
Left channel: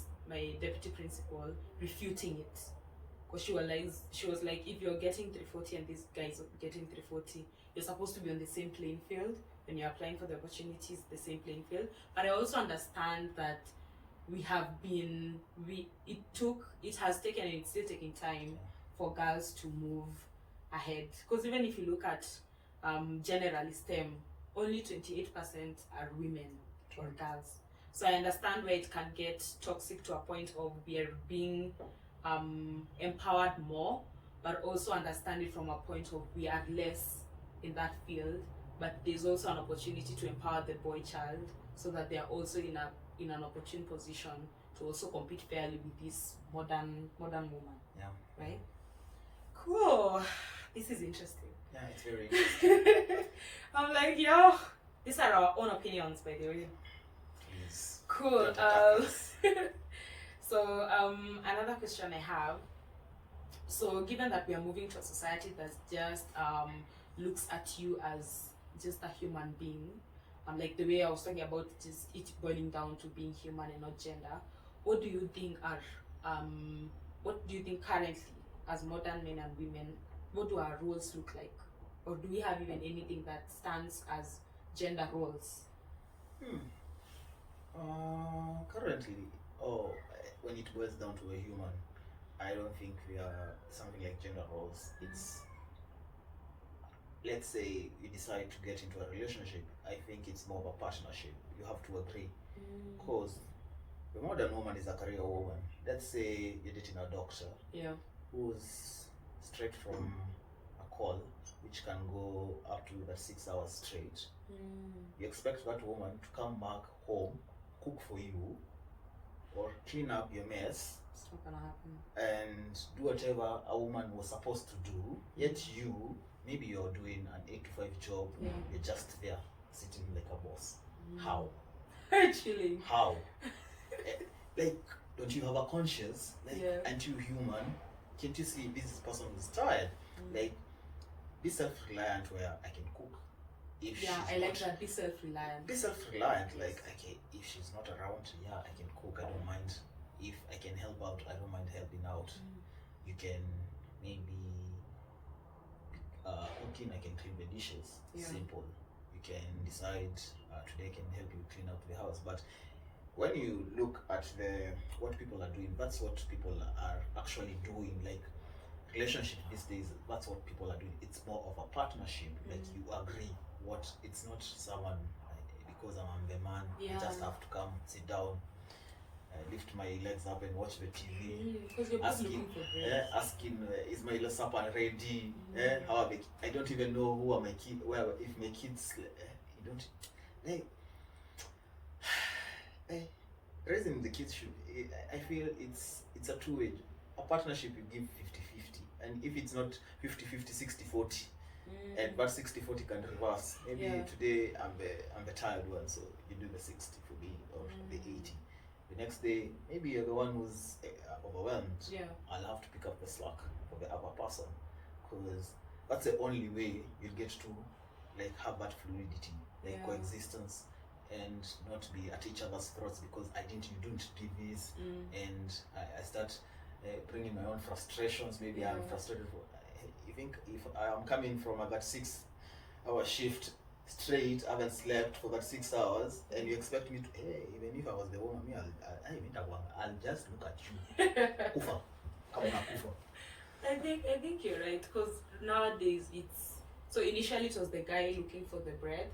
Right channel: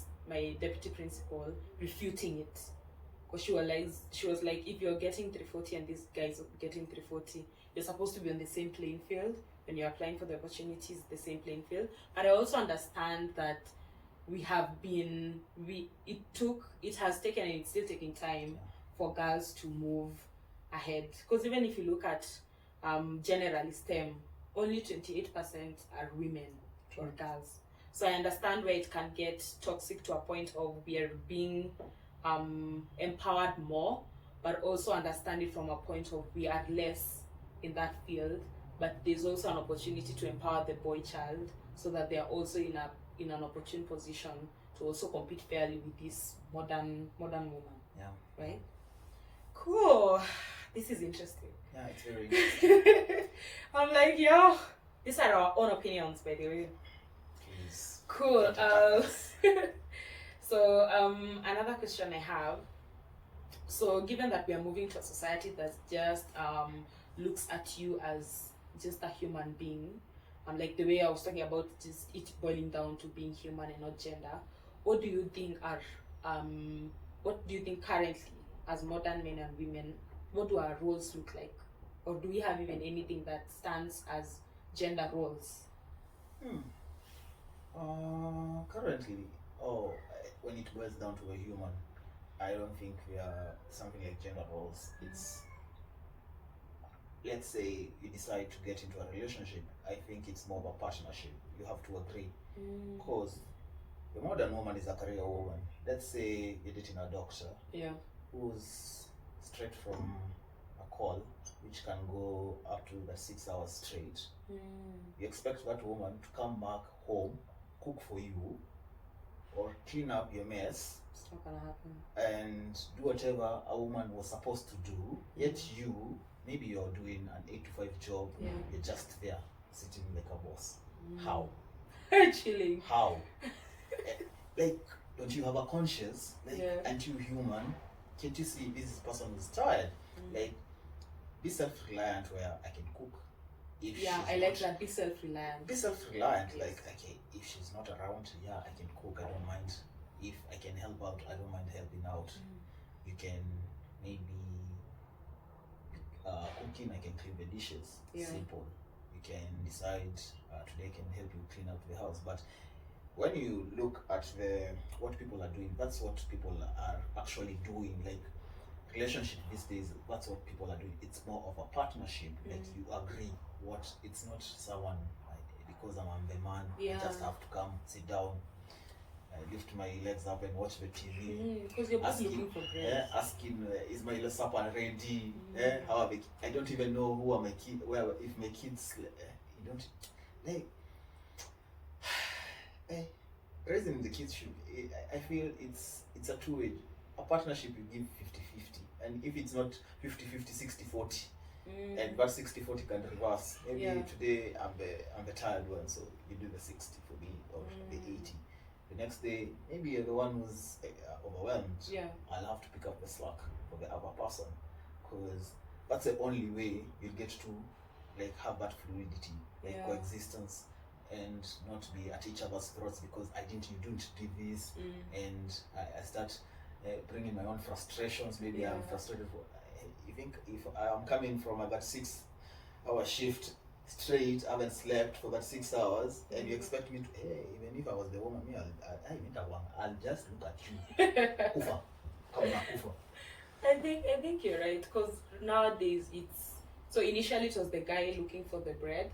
deputy principal refuting it. Because she was like, if you're getting 340 and this guy's getting 340, you're supposed to be on the same playing field. When you're applying for the opportunities, the same playing field. But I also understand that it has taken and it's still taking time for girls to move ahead. Because even if you look at generally STEM, only 28% are women or girls. So I understand where it can get toxic to a point of we are being empowered more, but also understand it from a point of we are less in that field. But there's also an opportunity to empower the boy child so that they are also in an opportune position to also compete fairly with this modern woman. Yeah. Right? Cool. This is interesting. Yeah, it's very interesting. I'm like, yo, these are our own opinions, by the way. Please. Cool. Don't attack us. So another question I have. So given that we are moving to a society that just looks at you as just a human being, like the way I was talking about just it boiling down to being human and not gender, what do you think currently as modern men and women, what do our roles look like? Or do we have even anything that stands as gender roles? Currently, oh, when it boils down to a human, I don't think we are something like gender roles. It's, let's say you decide to get into a relationship, I think it's more of a partnership. You have to agree. Because the modern woman is a career woman. Let's say you're dating a doctor Yeah. who's straight from a call, which can go up to the 6 hours straight. You expect that woman to come back home, cook for you, or clean up your mess, It's not gonna happen. and do whatever a woman was supposed to do. Yet you, maybe you're doing an 8 to 5 job, Yeah. you're just there, sitting like a boss. How? Chilling. How? Like, don't you have a conscience? Like, Yeah. aren't you human? Can't you see this person is tired? Like, be self-reliant where I can cook. If Yeah, she's I like not- that. Be self-reliant. Be self-reliant. Like, okay, if she's not around, yeah, I can cook. I don't mind. If I can help out, I don't mind helping out. You can maybe cooking. I can clean the dishes. Yeah. Simple. You can decide today I can help you clean out the house. But when you look at what people are doing, that's what people are actually doing. Like, relationship these days, that's what people are doing. It's more of a partnership. Like, you agree. What, it's not someone because I'm the man, Yeah. I just have to come sit down, lift my legs up and watch the TV. Because you're both Asking, looking for bread. asking, is my supper ready? How are I don't even know who are my kids. Where if my kids, you don't like. Raising the kids should. I feel it's a two-way. A partnership you give 50-50, and if it's not 50-50, 60-40. And that 60-40 can reverse. Maybe Yeah. today I'm the tired one, so you do the 60 for me, or the 80. The next day, maybe you're the one who's overwhelmed. Yeah. I'll have to pick up the slack for the other person, because that's the only way you'll get to like have that fluidity, like Yeah. coexistence, and not be at each other's throats because you don't do this, and I start bringing my own frustrations. Maybe I'm Yeah. frustrated for. You think if I'm coming from that 6-hour shift straight, I haven't slept for that 6 hours, and you expect me to, hey, even if I was the woman, me, I'll just look at you. Kufa. Come on, Kufa. I think you're right, because nowadays it's so initially it was the guy looking for the bread,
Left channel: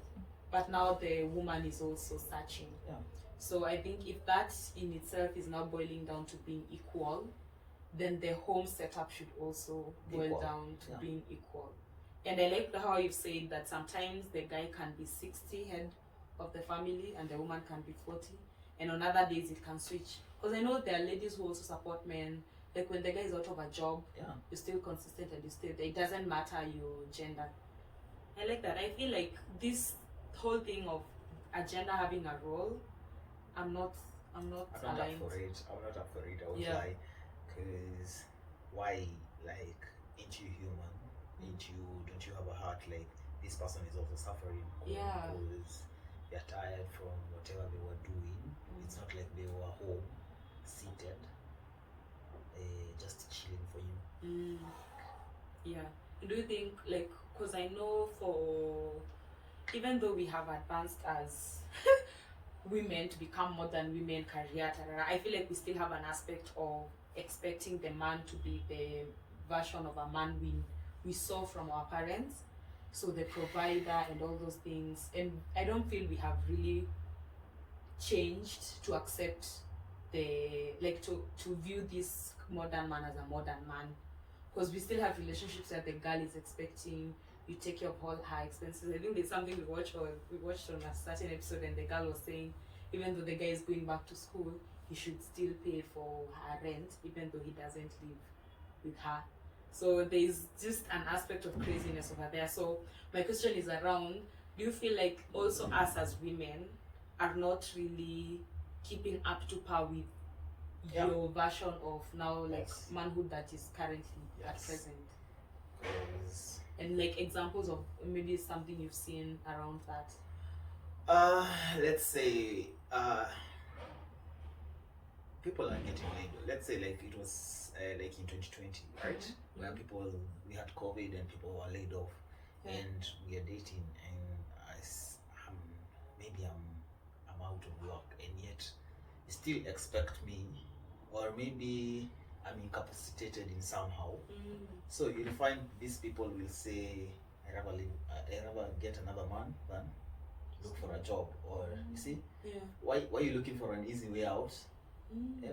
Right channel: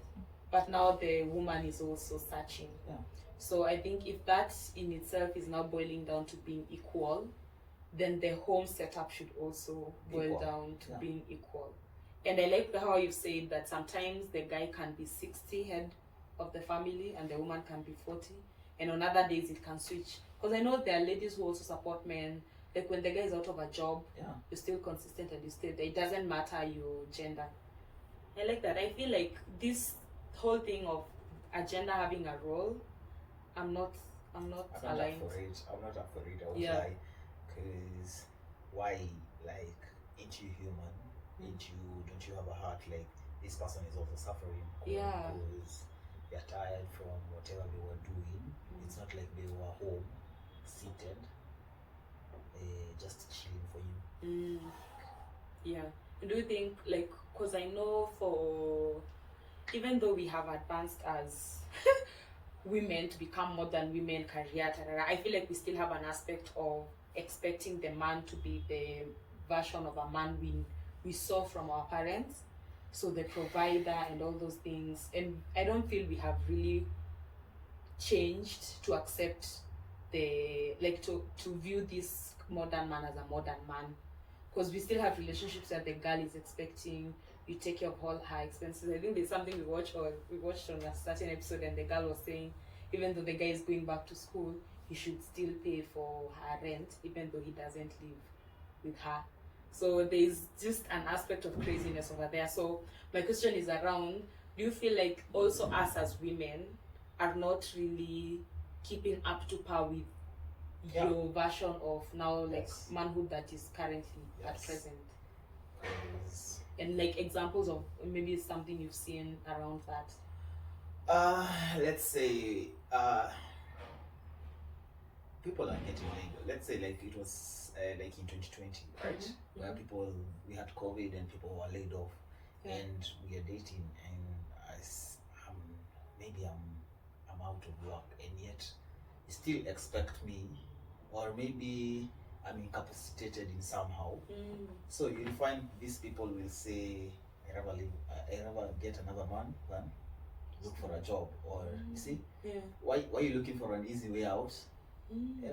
but now the woman is also searching. Yeah. So I think if that in itself is now boiling down to being equal, then the home setup should also boil Equal. down to Yeah. being equal. And I like how you said that sometimes the guy can be 60 head of the family and the woman can be 40, and on other days it can switch. Because I know there are ladies who also support men. Like when the guy is out of a job, Yeah. you're still consistent and you stay there. It doesn't matter your gender. I like that. I feel like this whole thing of a gender having a role, I'm not I'm not aligned. up for it. I'm not up for it. I won't Yeah. lie. Because why, like, ain't you human? Ain't you, don't you have a heart? Like, this person is also suffering. Yeah. Because they're tired from whatever they were doing. It's not like they were home, seated, just chilling for you. Yeah. Do you think, like, because I know for, even though we have advanced as women to become modern women, career, I feel like we still have an aspect of expecting the man to be the version of a man we saw from our parents. So the provider and all those things. And I don't feel we have really changed to accept to view this modern man as a modern man, because we still have relationships that the girl is expecting you take care of all her expenses. I think there's something we watched on a certain episode, and the girl was saying even though the guy is going back to school, he should still pay for her rent even though he doesn't live with her. So there's just an aspect of craziness over there. So my question is around, do you feel like also us as women are not really keeping up to par with your version of now, like, Yes. manhood that is currently at Yes. present? 'Cause, And like examples of maybe something you've seen around that. let's say people are getting laid. Let's say like it was like in 2020, right? Where we had COVID and people were laid off, and we are dating, and maybe I'm out of work, and yet you still expect me, or maybe I'm incapacitated in somehow. So you'll find these people will say, I rather get another man than look for a job. Or you see, Yeah. why are you looking for an easy way out?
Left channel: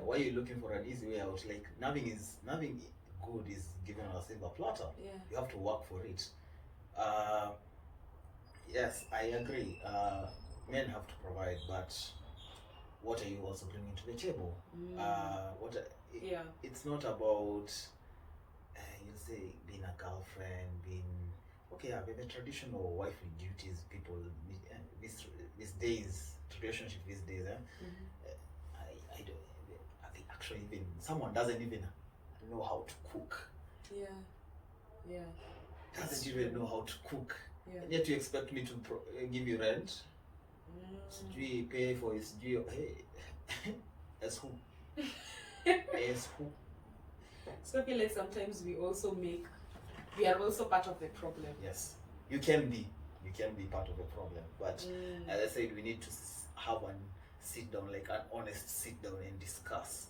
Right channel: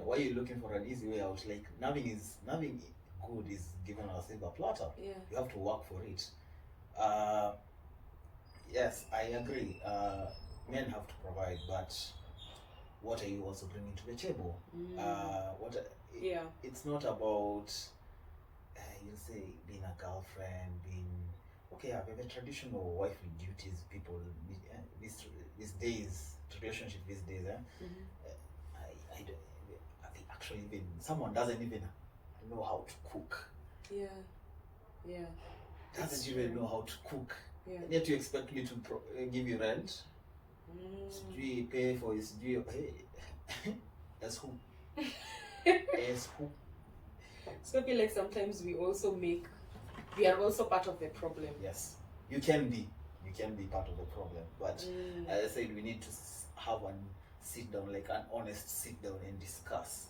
Why are you looking for an easy way out? Like nothing good is given on a silver platter. Yeah. You have to work for it. Yes, I agree. Men have to provide, but what are you also bringing to the table? Yeah. It's not about you'll say being a girlfriend, being okay. Yeah, the traditional wifely duties people these days, relationship these days. I don't. I think actually even someone doesn't even know how to cook. Yeah. Yeah. Doesn't even know how to cook. Yeah. And yet you expect me to give you rent? Sijui pay for his as who? As who? So I feel like sometimes we are also part of the problem. Yes, you can be part of the problem, but as I said, we need to have an sit down, like an honest sit down and discuss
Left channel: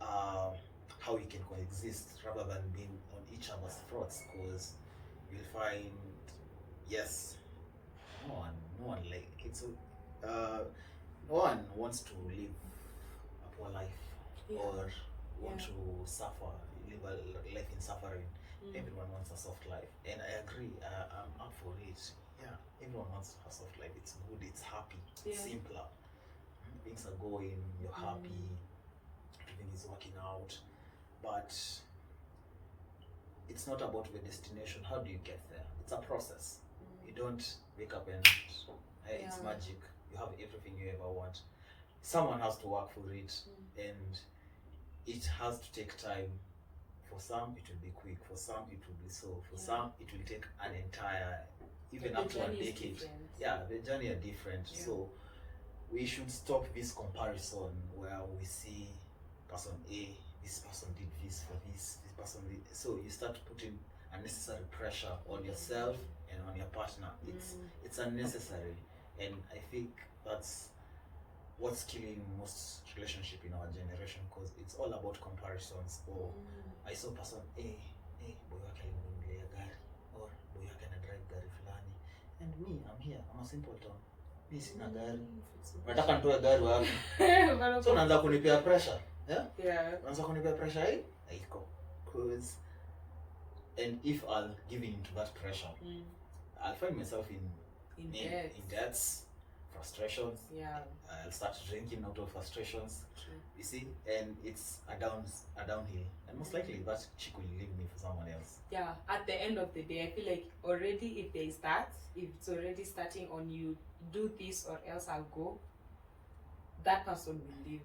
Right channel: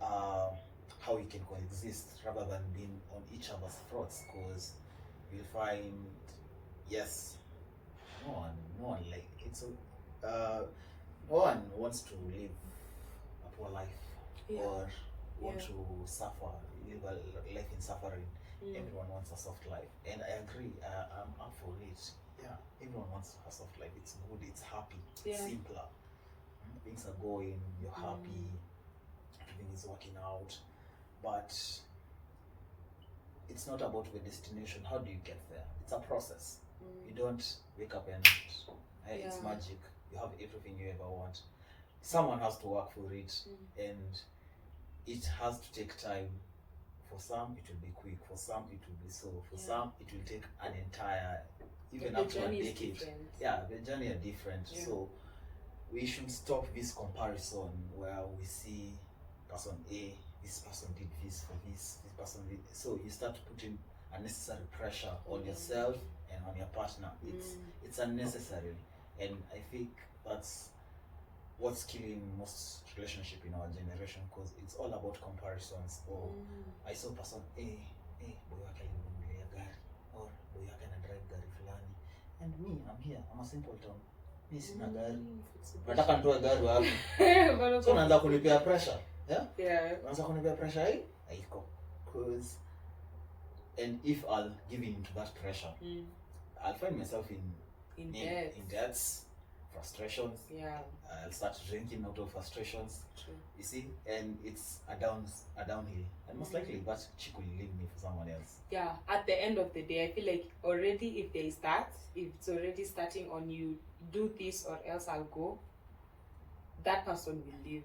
how we can coexist rather than being on each other's throats, because you'll find, yes, no one like it's no one wants to live a poor life or want to suffer, live a life in suffering. Everyone wants a soft life, and I agree. I'm up for it. Yeah, everyone wants a soft life. It's good. It's happy. It's simpler. Things are going. You're happy. Everything is working out, but it's not about the destination. How do you get there? It's a process. You don't wake up and it's magic. You have everything you ever want. Someone has to work for it, and it has to take time. For some, it will be quick. For some, it will be slow. For some, it will take an entire, even up to a decade. Yeah, the journey are different. Yeah. So we should stop this comparison where we see person A, this person did this for this person did. So you start putting unnecessary pressure on yourself and on your partner. It's unnecessary, and I think that's what's killing most relationship in our generation, because it's all about comparisons. Or I saw person A, boy wake alinunulia gari, or boy wake ana drive gari fulani, and me, I'm here, I'm a simpleton, mi sina gari, nataka nitoe gari wapi? So unaanza kunipea pressure. Unaanza kunipea pressure hii haiko, because and if I'll give in to that pressure, I'll find myself in debts, frustrations. I'll start drinking out of frustrations. True. You see, and it's a downhill, and most likely that chick will leave me for someone else. Yeah, at the end of the day, I feel like already if it's already starting on you, do this or else I'll go, that person will leave.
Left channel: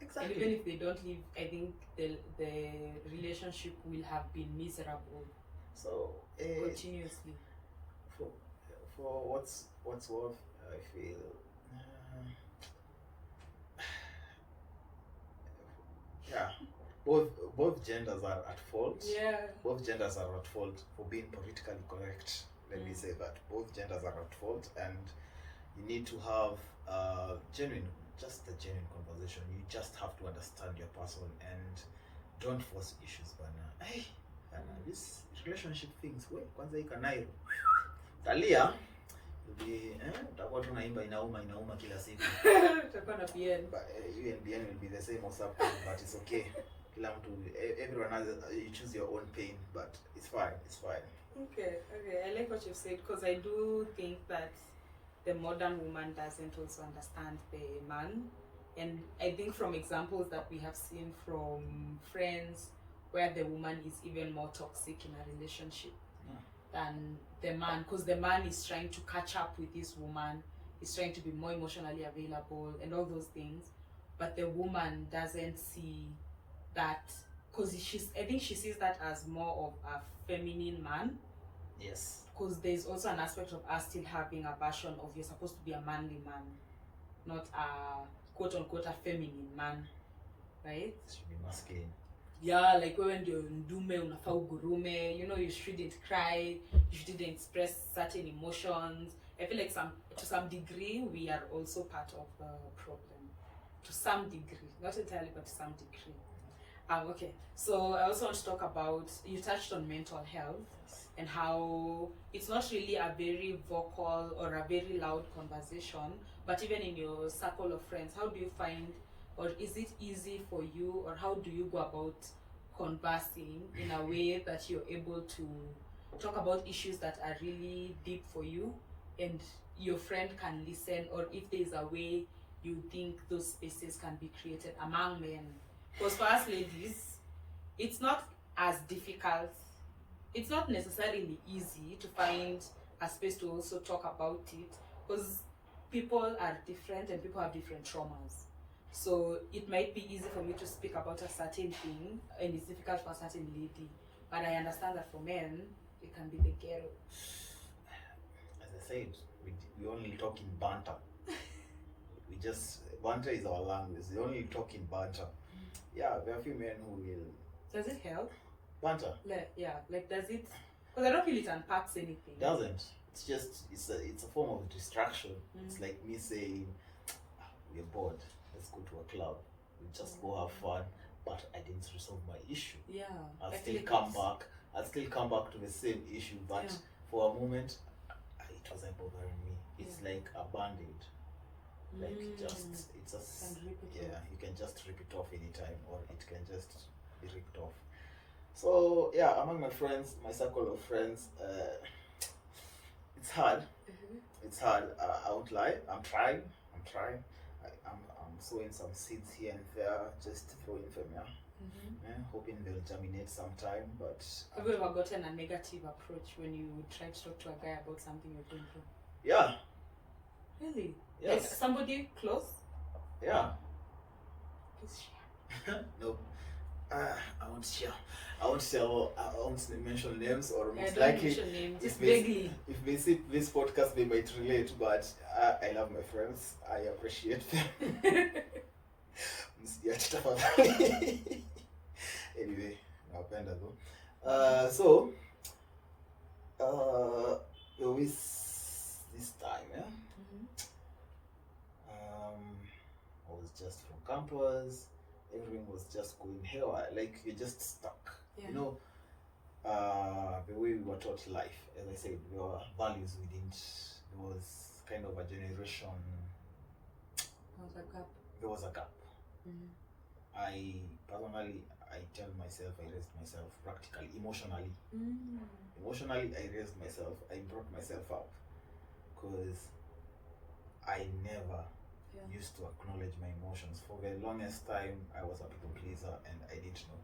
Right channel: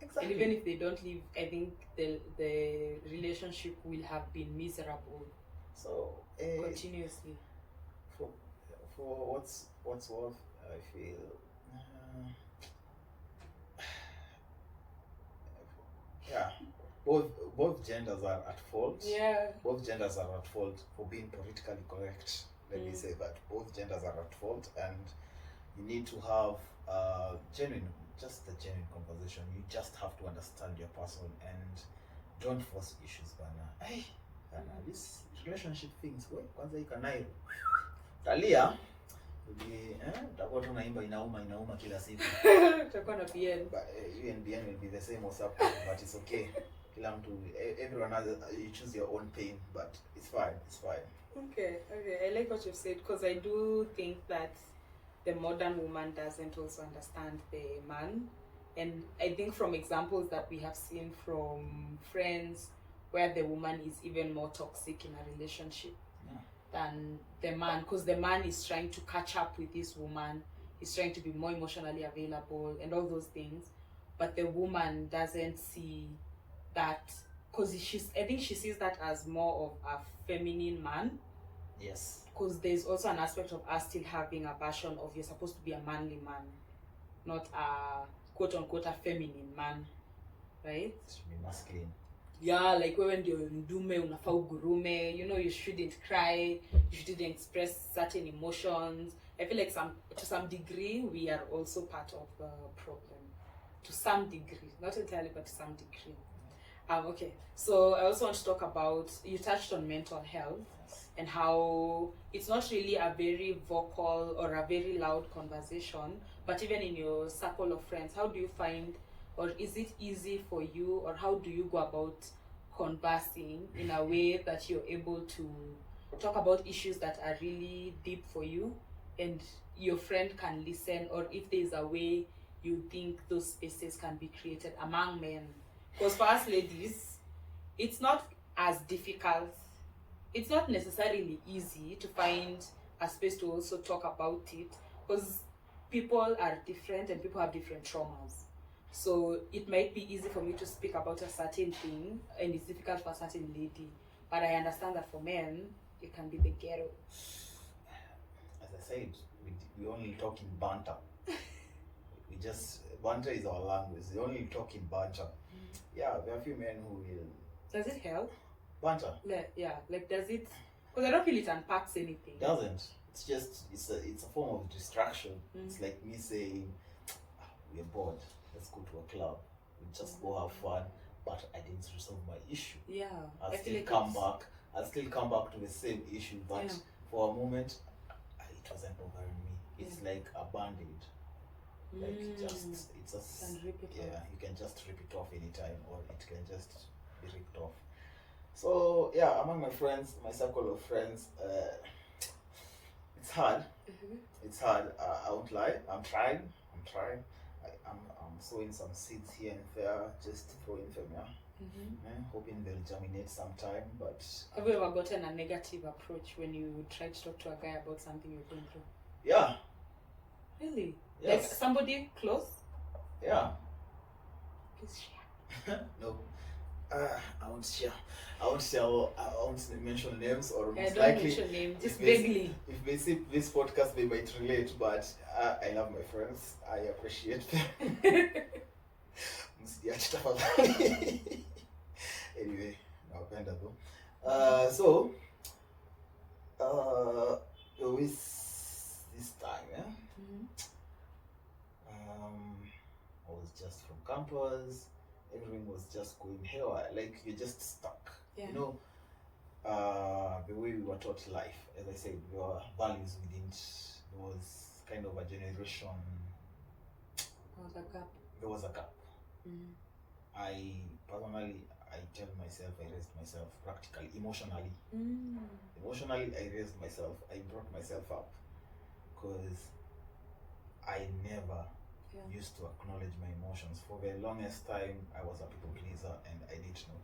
Exactly. And even if they don't leave, I think the relationship will have been miserable. So continuously. For what's worth, I feel both genders are at fault. Both genders are at fault for being politically correct. Let me say that both genders are at fault, and you need to have a genuine conversation. You just have to understand your person and don't force issues. Bana, this relationship things, kwanza ikanairo talia utakuwa tu naimba inauma kila siku. Utakuwa na BN. But even BN will be the same or something, but it's okay. Kila mtu, everyone has, you choose your own pain, but it's fine. Okay, I like what you've said, because I do think that the modern woman doesn't also understand the man. And I think from examples that we have seen from friends, where the woman is even more toxic in a relationship than the man, because the man is trying to catch up with this woman, he's trying to be more emotionally available and all those things, but the woman doesn't see that, because I think she sees that as more of a feminine man. Yes. Because there's also an aspect of us still having a version of you're supposed to be a manly man, not a quote unquote a feminine man, right? It should be masculine. yeah, like wewe ndio ndume unafaa ugurume, you know, you shouldn't cry, you shouldn't express certain emotions. I feel like to some degree we are also part of the problem, to some degree, not entirely, but to some degree. Okay, so I also want to talk about, you touched on mental health and how it's not really a very vocal or a very loud conversation, but even in your circle of friends, how do you find, or is it easy for you, or how do you go about conversing in a way that you're able to talk about issues that are really deep for you and your friend can listen, or if there's a way you think those spaces can be created among men? Because for us ladies, it's not as difficult, it's not necessarily easy to find a space to also talk about it, because people are different and people have different traumas. So it might be easy for me to speak about a certain thing and it's difficult for a certain lady, but I understand that for men it can be the ghetto. As I said, we only talk in banter. Banter is our language. We only talk in banter. Yeah, there are a few men who will. Does it help? Banter? Like does it? Because I don't feel it unpacks anything. Doesn't. It's just it's a form of distraction. It's like me saying, we're bored. Let's go to a club. We just go have fun. But I didn't resolve my issue. Yeah. I'll still come back to the same issue. But for a moment, it wasn't bothering me. It's like a band-aid. Like it's a you can just rip it off anytime, or it can just be ripped off. So yeah, among my friends, my circle of friends, it's hard. It's hard. I won't lie. I'm trying. I'm sowing some seeds here and there, just throwing them, hoping they'll germinate sometime. But have you ever gotten a negative approach when you try to talk to a guy about something you're going through? Yeah. Really? Yes. Like somebody close? Yeah. Please share. No. I won't share. I won't mention names, or most don't likely mention names, just vaguely. If they see this podcast, they might relate. But I love my friends. I appreciate them. Anyway, napenda though. So this time, I was just from campus. Everything was just going haywire. Like you're just stuck. Yeah. You know, the way we were taught life. As I said, there were values we didn't. There was kind of a generation. There was a gap. I personally, I tell myself I raised myself practically, emotionally. Emotionally, I raised myself. I brought myself up, because I never used to acknowledge my emotions. For the longest time, I was a people pleaser, and I didn't know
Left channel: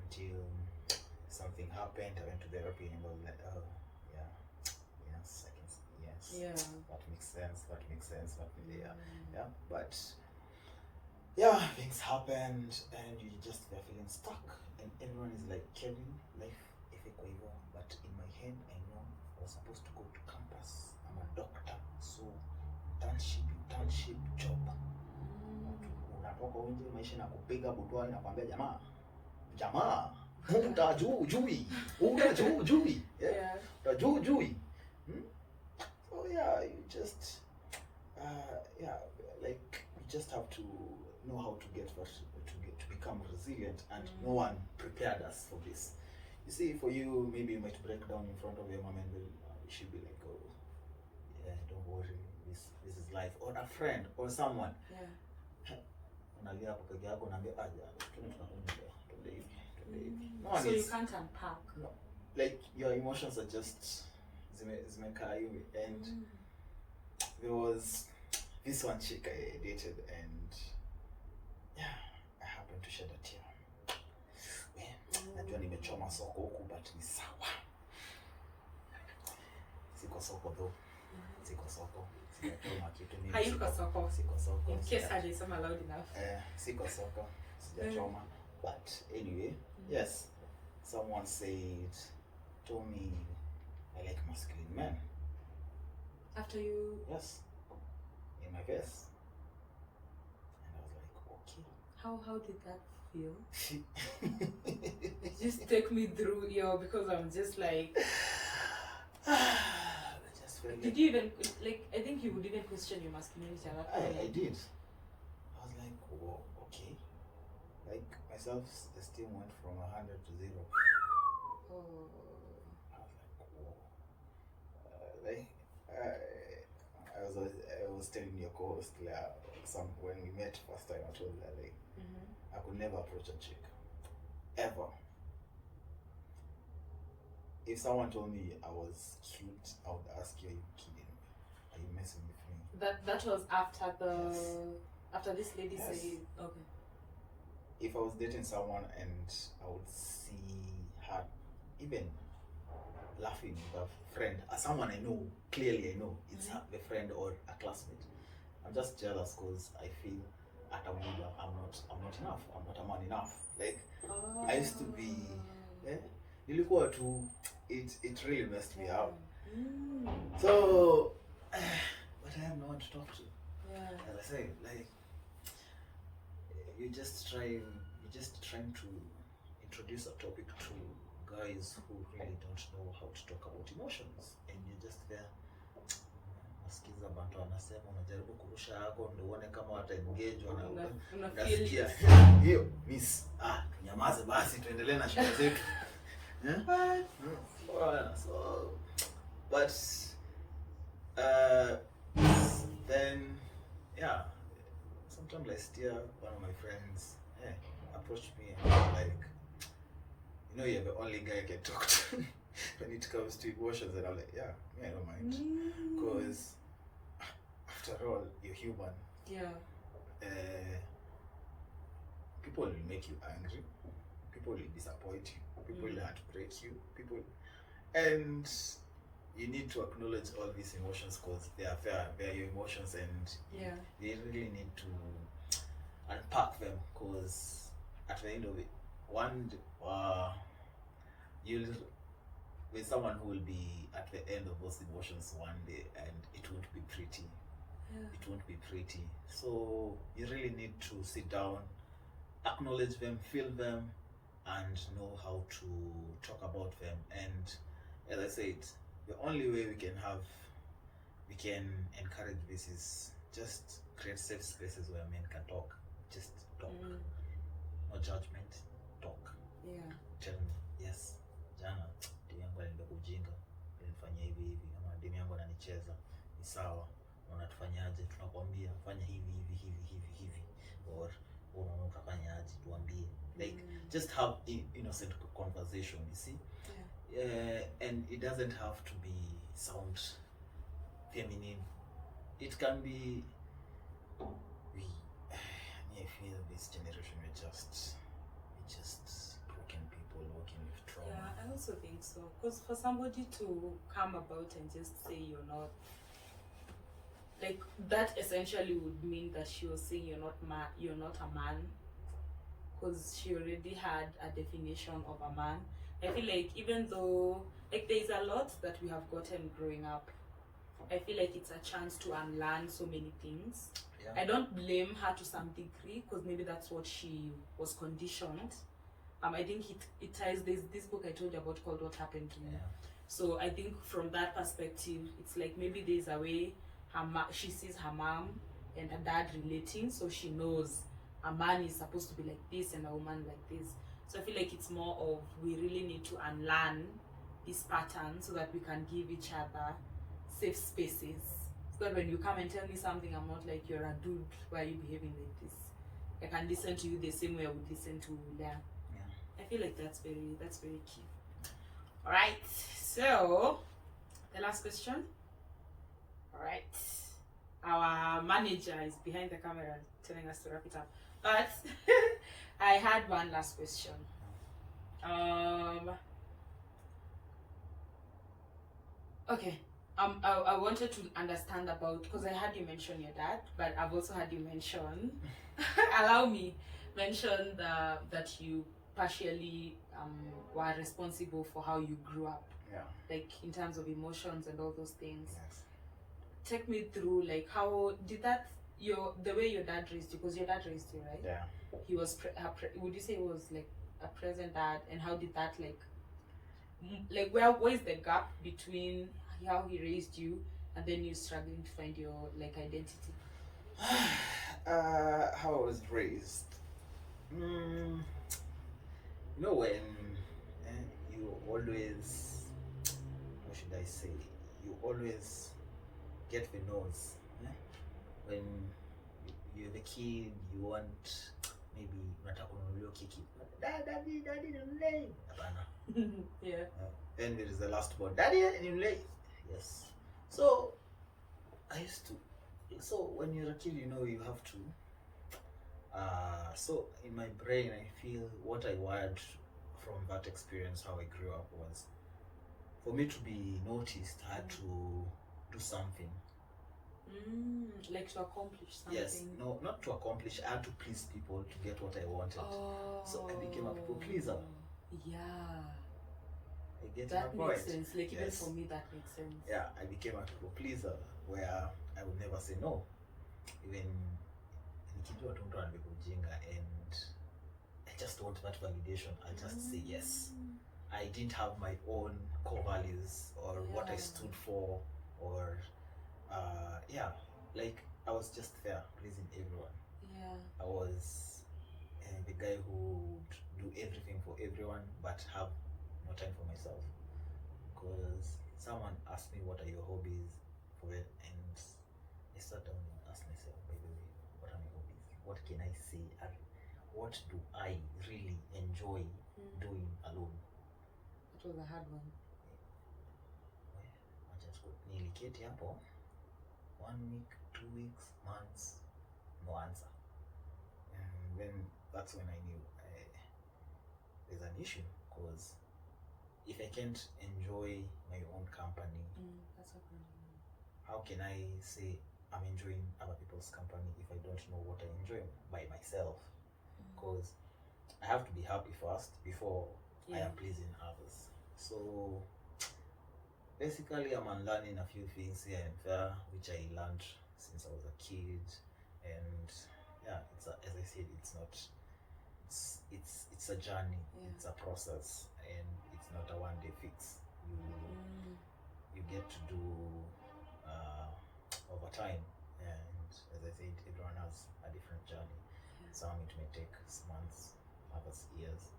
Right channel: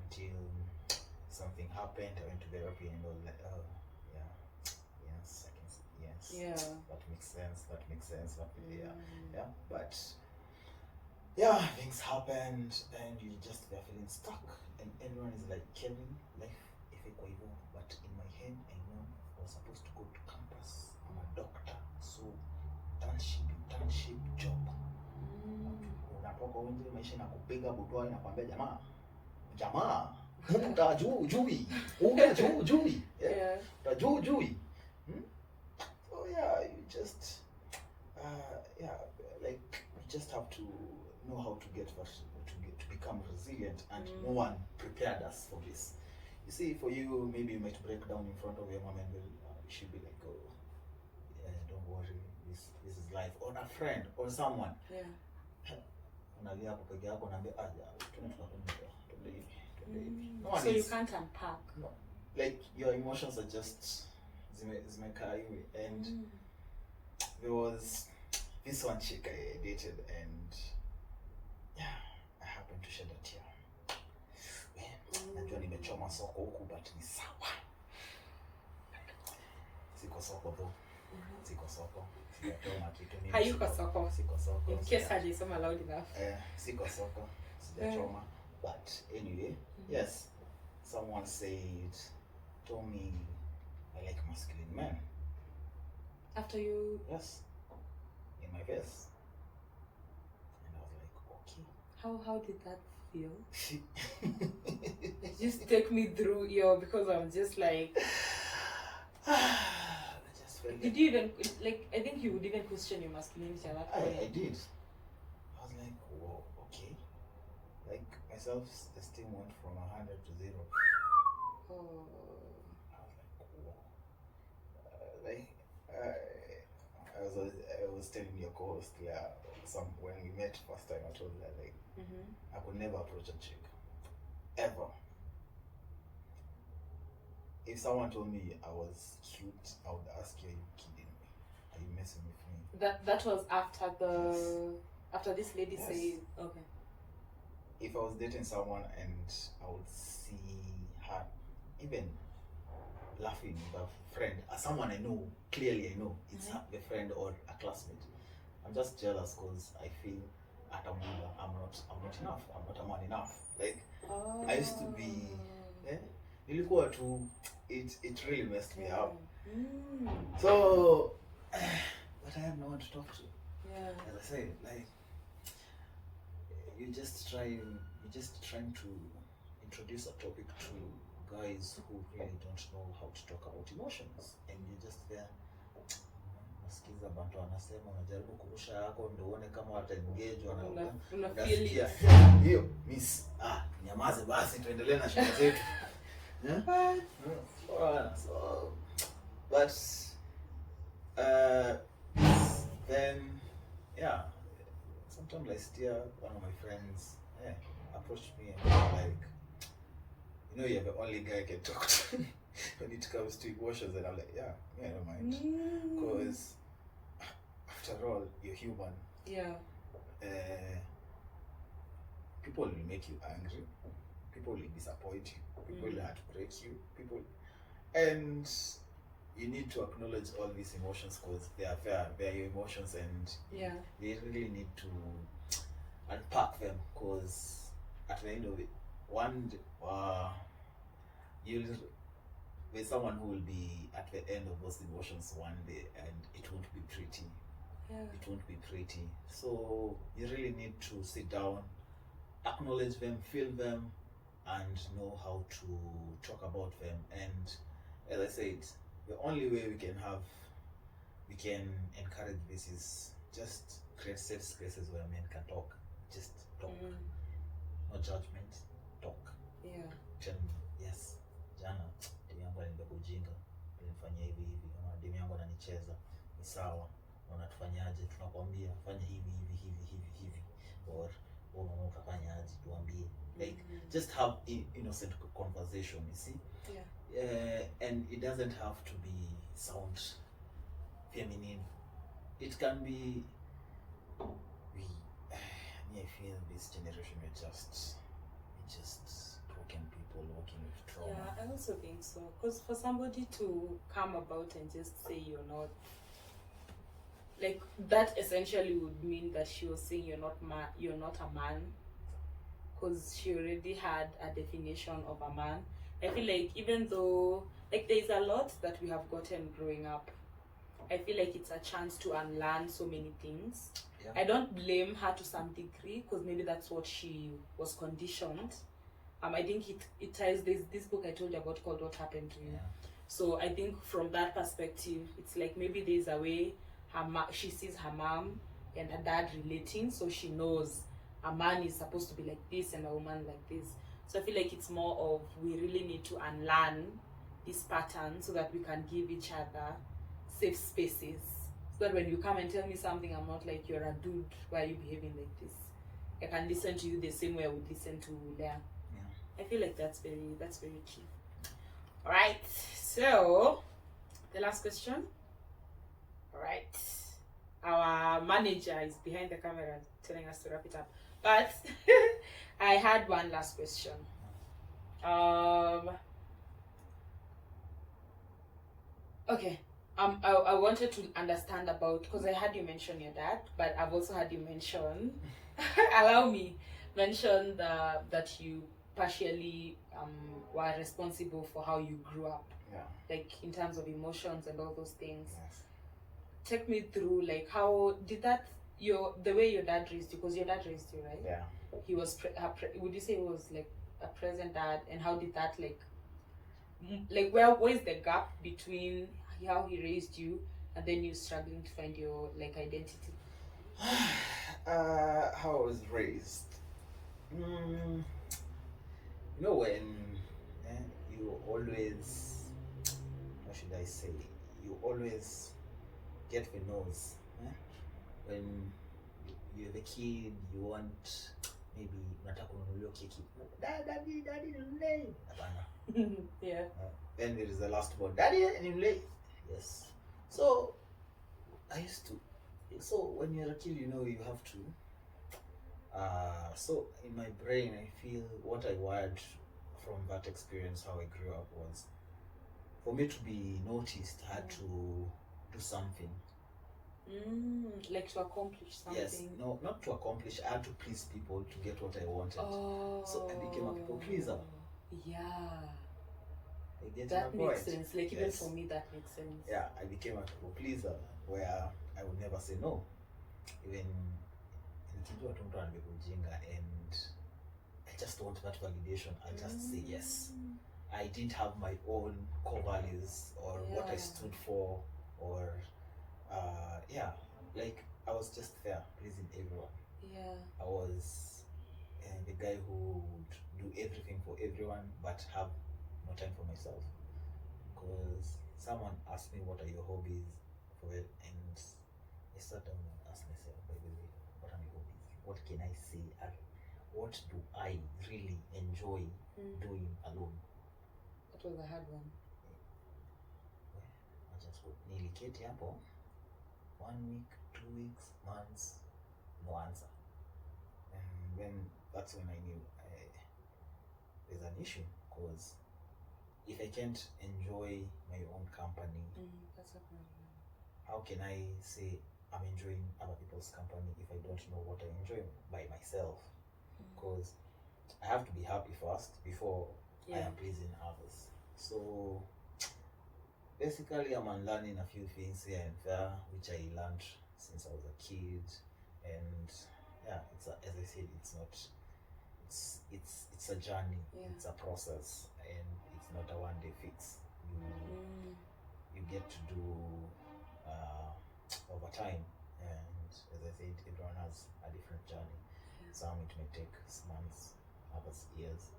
until something happened. I went to therapy and was like, oh yeah, yes, I can see, yes, that makes sense. But things happened, and you just were feeling stuck, and everyone is like, Kevin, life ifiko hivyo. But in my head, I know I was supposed to go to campus. I'm a doctor, so internship job. Unatoka nje, maisha na kupiga butwa, inakwambia jamaa utajui. So you just like you just have to know how to become resilient, and no one prepared us for this. You see, for you, maybe you might break down in front of your mom, and you should be like, oh yeah, don't worry, this is life. Or a friend or someone. Unalia hapo peke yako, unaambia so you can't unpack. No. Like your emotions are just zimekaa hivi. And there was this one chick I dated, and I happened to shed a tear. Najua nimechoma soko huku, but ni sawa. Siko soko though. Siko soko. Hayuko soko. Siko soko. In case hajisoma loud enough. Siko soko. Sijachoma. But anyway, yes, someone told me I like masculine men. After you? Yes. In my face. And I was like, okay. How did that feel? Just take me through, because I'm just like, I just felt did you even, like, I think you would even question your masculinity at that point. I did. I was like, whoa, okay. Like, my self-esteem went from 100 to 0. Oh. I was like, whoa. Like, I was telling your co-host when we met first time, I told her, like, I could never approach a chick. Ever. If someone told me I was cute, I would ask you, are you kidding me? Are you messing with me? That was after after this lady Yes. said, okay. If I was dating someone and I would see her even laughing with a friend, someone I know, clearly I know, it's a friend or a classmate, I'm just jealous because I feel at a Muda, I'm not enough. I'm not a man enough. Like, I used to be, nilikuwa tu, it really messed me up. So, but I have no one to talk to. Yeah. As I say, like, you're just trying to introduce a topic to guys who really don't know how to talk about emotions, and you're just there. Nasikiza bantu wanasema, unajaribu kurusha yako ndio uone kama wata engage unasikia hiyo miss, tunyamaze basi tuendelee na shida zetu. So, but then sometimes I steer one of my friends approached me and was like, you're the only guy I can talk to when it comes to emotions, and I'm like, I don't mind, because after all, you're human. People will make you angry, people will disappoint you, people will heartbreak you, and you need to acknowledge all these emotions because they are your emotions, and they really need to unpack them, because at the end of it, you'll be someone who will be at the end of those emotions one day, and it won't be pretty. It won't be pretty. So you really need to sit down, acknowledge them, feel them, and know how to talk about them. And as I said, the only way we can encourage this is just create safe spaces where men can talk. Just talk. No judgment. Talk. Tell me, yes, jana demu yangu alinibeba ujinga, alinifanyia hivi, ama demu yangu ananicheza, ni sawa, unatufanyaje? Tunakwambia fanya hivi, or unaona ukafanyaje, tuambie. Like, just have innocent conversation, you see? And it doesn't have to sound feminine. It can be, I feel this generation we're just broken people working with trauma. Yeah, I also think so. Because for somebody to come about and just say you're not, like, that essentially would mean that she was saying you're not a man, because she already had a definition of a man. I feel like even though, like, there's a lot that we have gotten growing up, I feel like it's a chance to unlearn so many things. I don't blame her to some degree, because maybe that's what she was conditioned. I think it ties, there's this book I told you about called What Happened to Me. So I think from that perspective, it's like maybe there's a way she sees her mom and her dad relating, so she knows a man is supposed to be like this and a woman like this. So I feel like it's more of, we really need to unlearn this pattern so that we can give each other safe spaces. So that when you come and tell me something, I'm not like, you're a dude, why are you behaving like this? I can listen to you the same way I would listen to Leah. I feel like that's very key. Alright, so the last question. Alright. Our manager is behind the camera telling us to wrap it up. But I had one last question. Okay. I wanted to understand about, because I had you mention your dad, but I've also had you mention mention that you partially were responsible for how you grew up. Like, in terms of emotions and all those things. Take me through, like, how did that, the way your dad raised you, because your dad raised you, right? he was would you say it was like a present dad, and how did that like like where is the gap between how he raised you and then you struggling to find your like identity? How I was raised. Mm, you know when you always, how should I say, you always get the nose. When you're the kid, you want maybe unataka kununuliwa keki. Daddy ninunulie. Hapana. Yeah. Then there is the last one. Daddy ninunulie. Yes. So I used to. So when you're a kid, you know you have to. So in my brain, I feel what I wired from that experience, how I grew up, was for me to be noticed, I had to do something. Like to accomplish something. Yes, no, not to accomplish. I had to please people to get what I wanted. Oh. So I became a people pleaser. Yeah. I get That my makes point. sense. Like even Yes. for me, that makes sense. Yeah, I became a people pleaser where I would never say no. Even nikijua tu mtu anabeba ujinga and I just want that validation. I'll just say yes. I didn't have my own core values or what I stood for, or like I was just fair, pleasing everyone. Yeah. I was the guy who would do everything for everyone but have no time for myself. Because someone asked me, what are your hobbies for it? And I sat down and asked myself, by the way, what are my hobbies? What can I say? What do I really enjoy doing alone? That was a hard one. I just got niliketi hapo 1 week, 2 weeks, months, no answer. And then that's when I knew there's an issue, because if I can't enjoy my own company, That's a problem. how can I say I'm enjoying other people's company if I don't know what I enjoy by myself? Because I have to be happy first before I am pleasing others. So basically I'm unlearning a few things here and there, which I learned since I was a kid. And yeah, it's as I said, it's not, it's a journey, it's a process, and it's not a one-day fix. You get to do over time, and as I said, everyone has a different journey. Some it may take months, others years,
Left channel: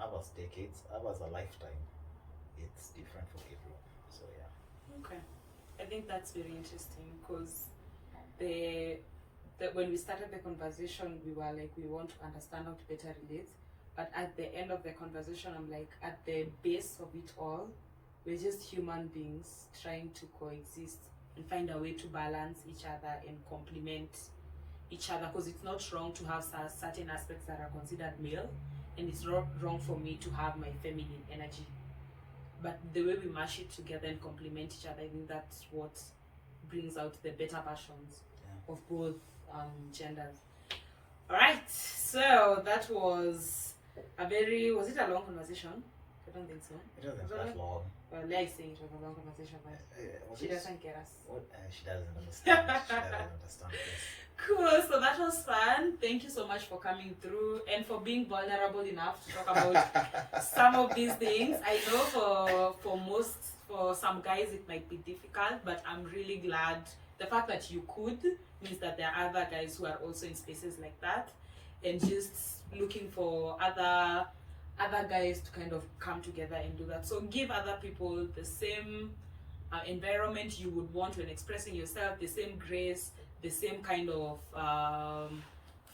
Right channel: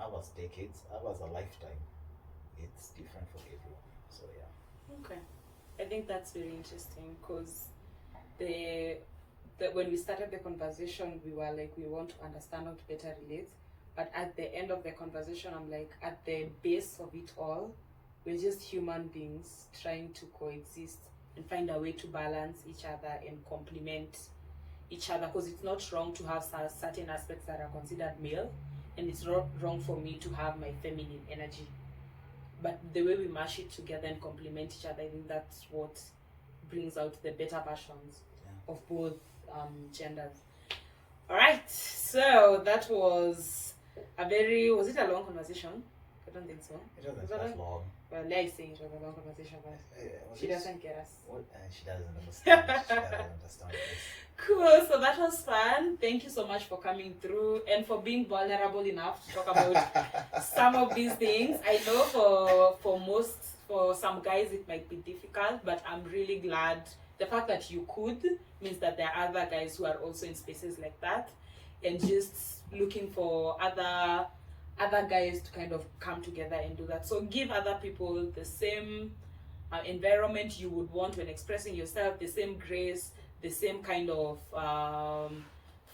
others decades, others a lifetime. It's different for everyone. So yeah. Okay. I think that's very interesting, because when we started the conversation, we were like, we want to understand how to better relate. But at the end of the conversation, I'm like, at the base of it all, we're just human beings trying to coexist and find a way to balance each other and complement each other. Because it's not wrong to have certain aspects that are considered male, and it's not wrong for me to have my feminine energy. But the way we mash it together and complement each other, I think that's what brings out the better versions of both genders. All right, so that was was it a long conversation? I don't think so. It wasn't that long. Well, like saying it was a long conversation, but she doesn't get us. What? She doesn't understand. She doesn't understand this. Cool, so that was fun. Thank you so much for coming through and for being vulnerable enough to talk about some of these things. I know for some guys it might be difficult, but I'm really glad. The fact that you could means that there are other guys who are also in spaces like that, and just looking for other guys to kind of come together and do that. So give other people the same environment you would want when expressing yourself, the same grace, the same kind of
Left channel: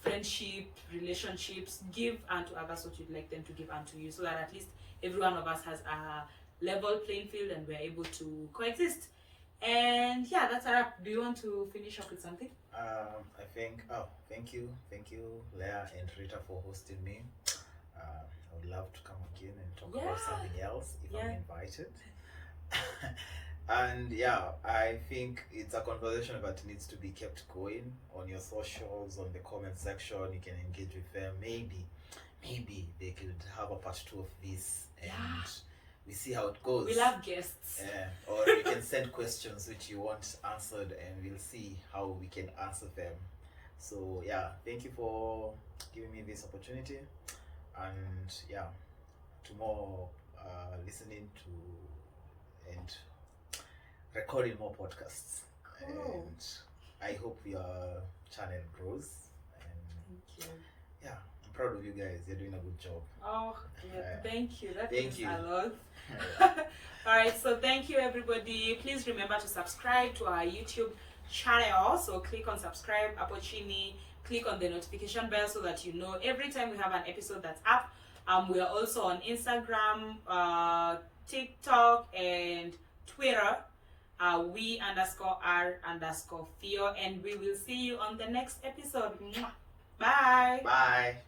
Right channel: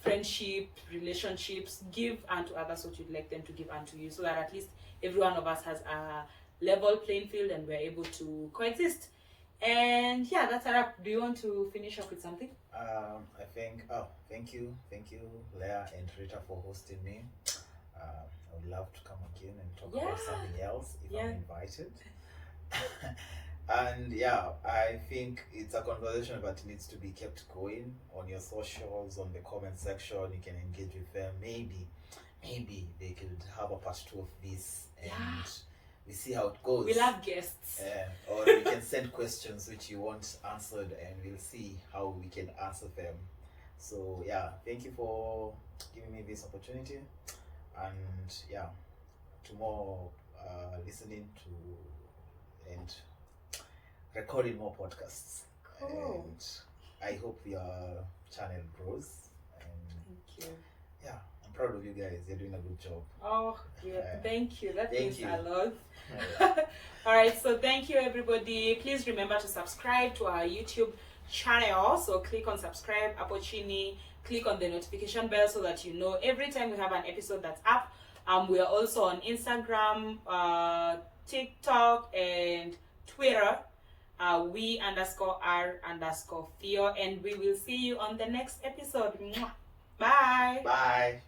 friendship, relationships. Give unto others what you'd like them to give unto you, so that at least every one of us has a level playing field and we're able to coexist. And yeah, that's a wrap. Do you want to finish up with something? I think, thank you, Leah and Rita, for hosting me. I would love to come again and talk about something else if I'm invited. And yeah, I think it's a conversation that needs to be kept going on your socials, on the comment section. You can engage with them. Maybe they could have a part 2 of this, and we see how it goes. We love guests. Or you can send questions which you want answered, and we'll see how we can answer them. So yeah, thank you for giving me this opportunity, and yeah, to more listening to and recording more podcasts. Cool. And I hope your channel grows. And Thank you. yeah, I'm proud of you guys. You're doing a good job. Oh, yeah. Thank you. That Thank means you. a lot. Yeah. All right. So thank you, everybody. Please remember to subscribe to our YouTube channel. So click on subscribe, Apocini. Click on the notification bell so that you know every time we have an episode that's up. We are also on Instagram, TikTok, and Twitter. We_R_Fio, and we will see you on the next episode. Mwah. Bye. Bye.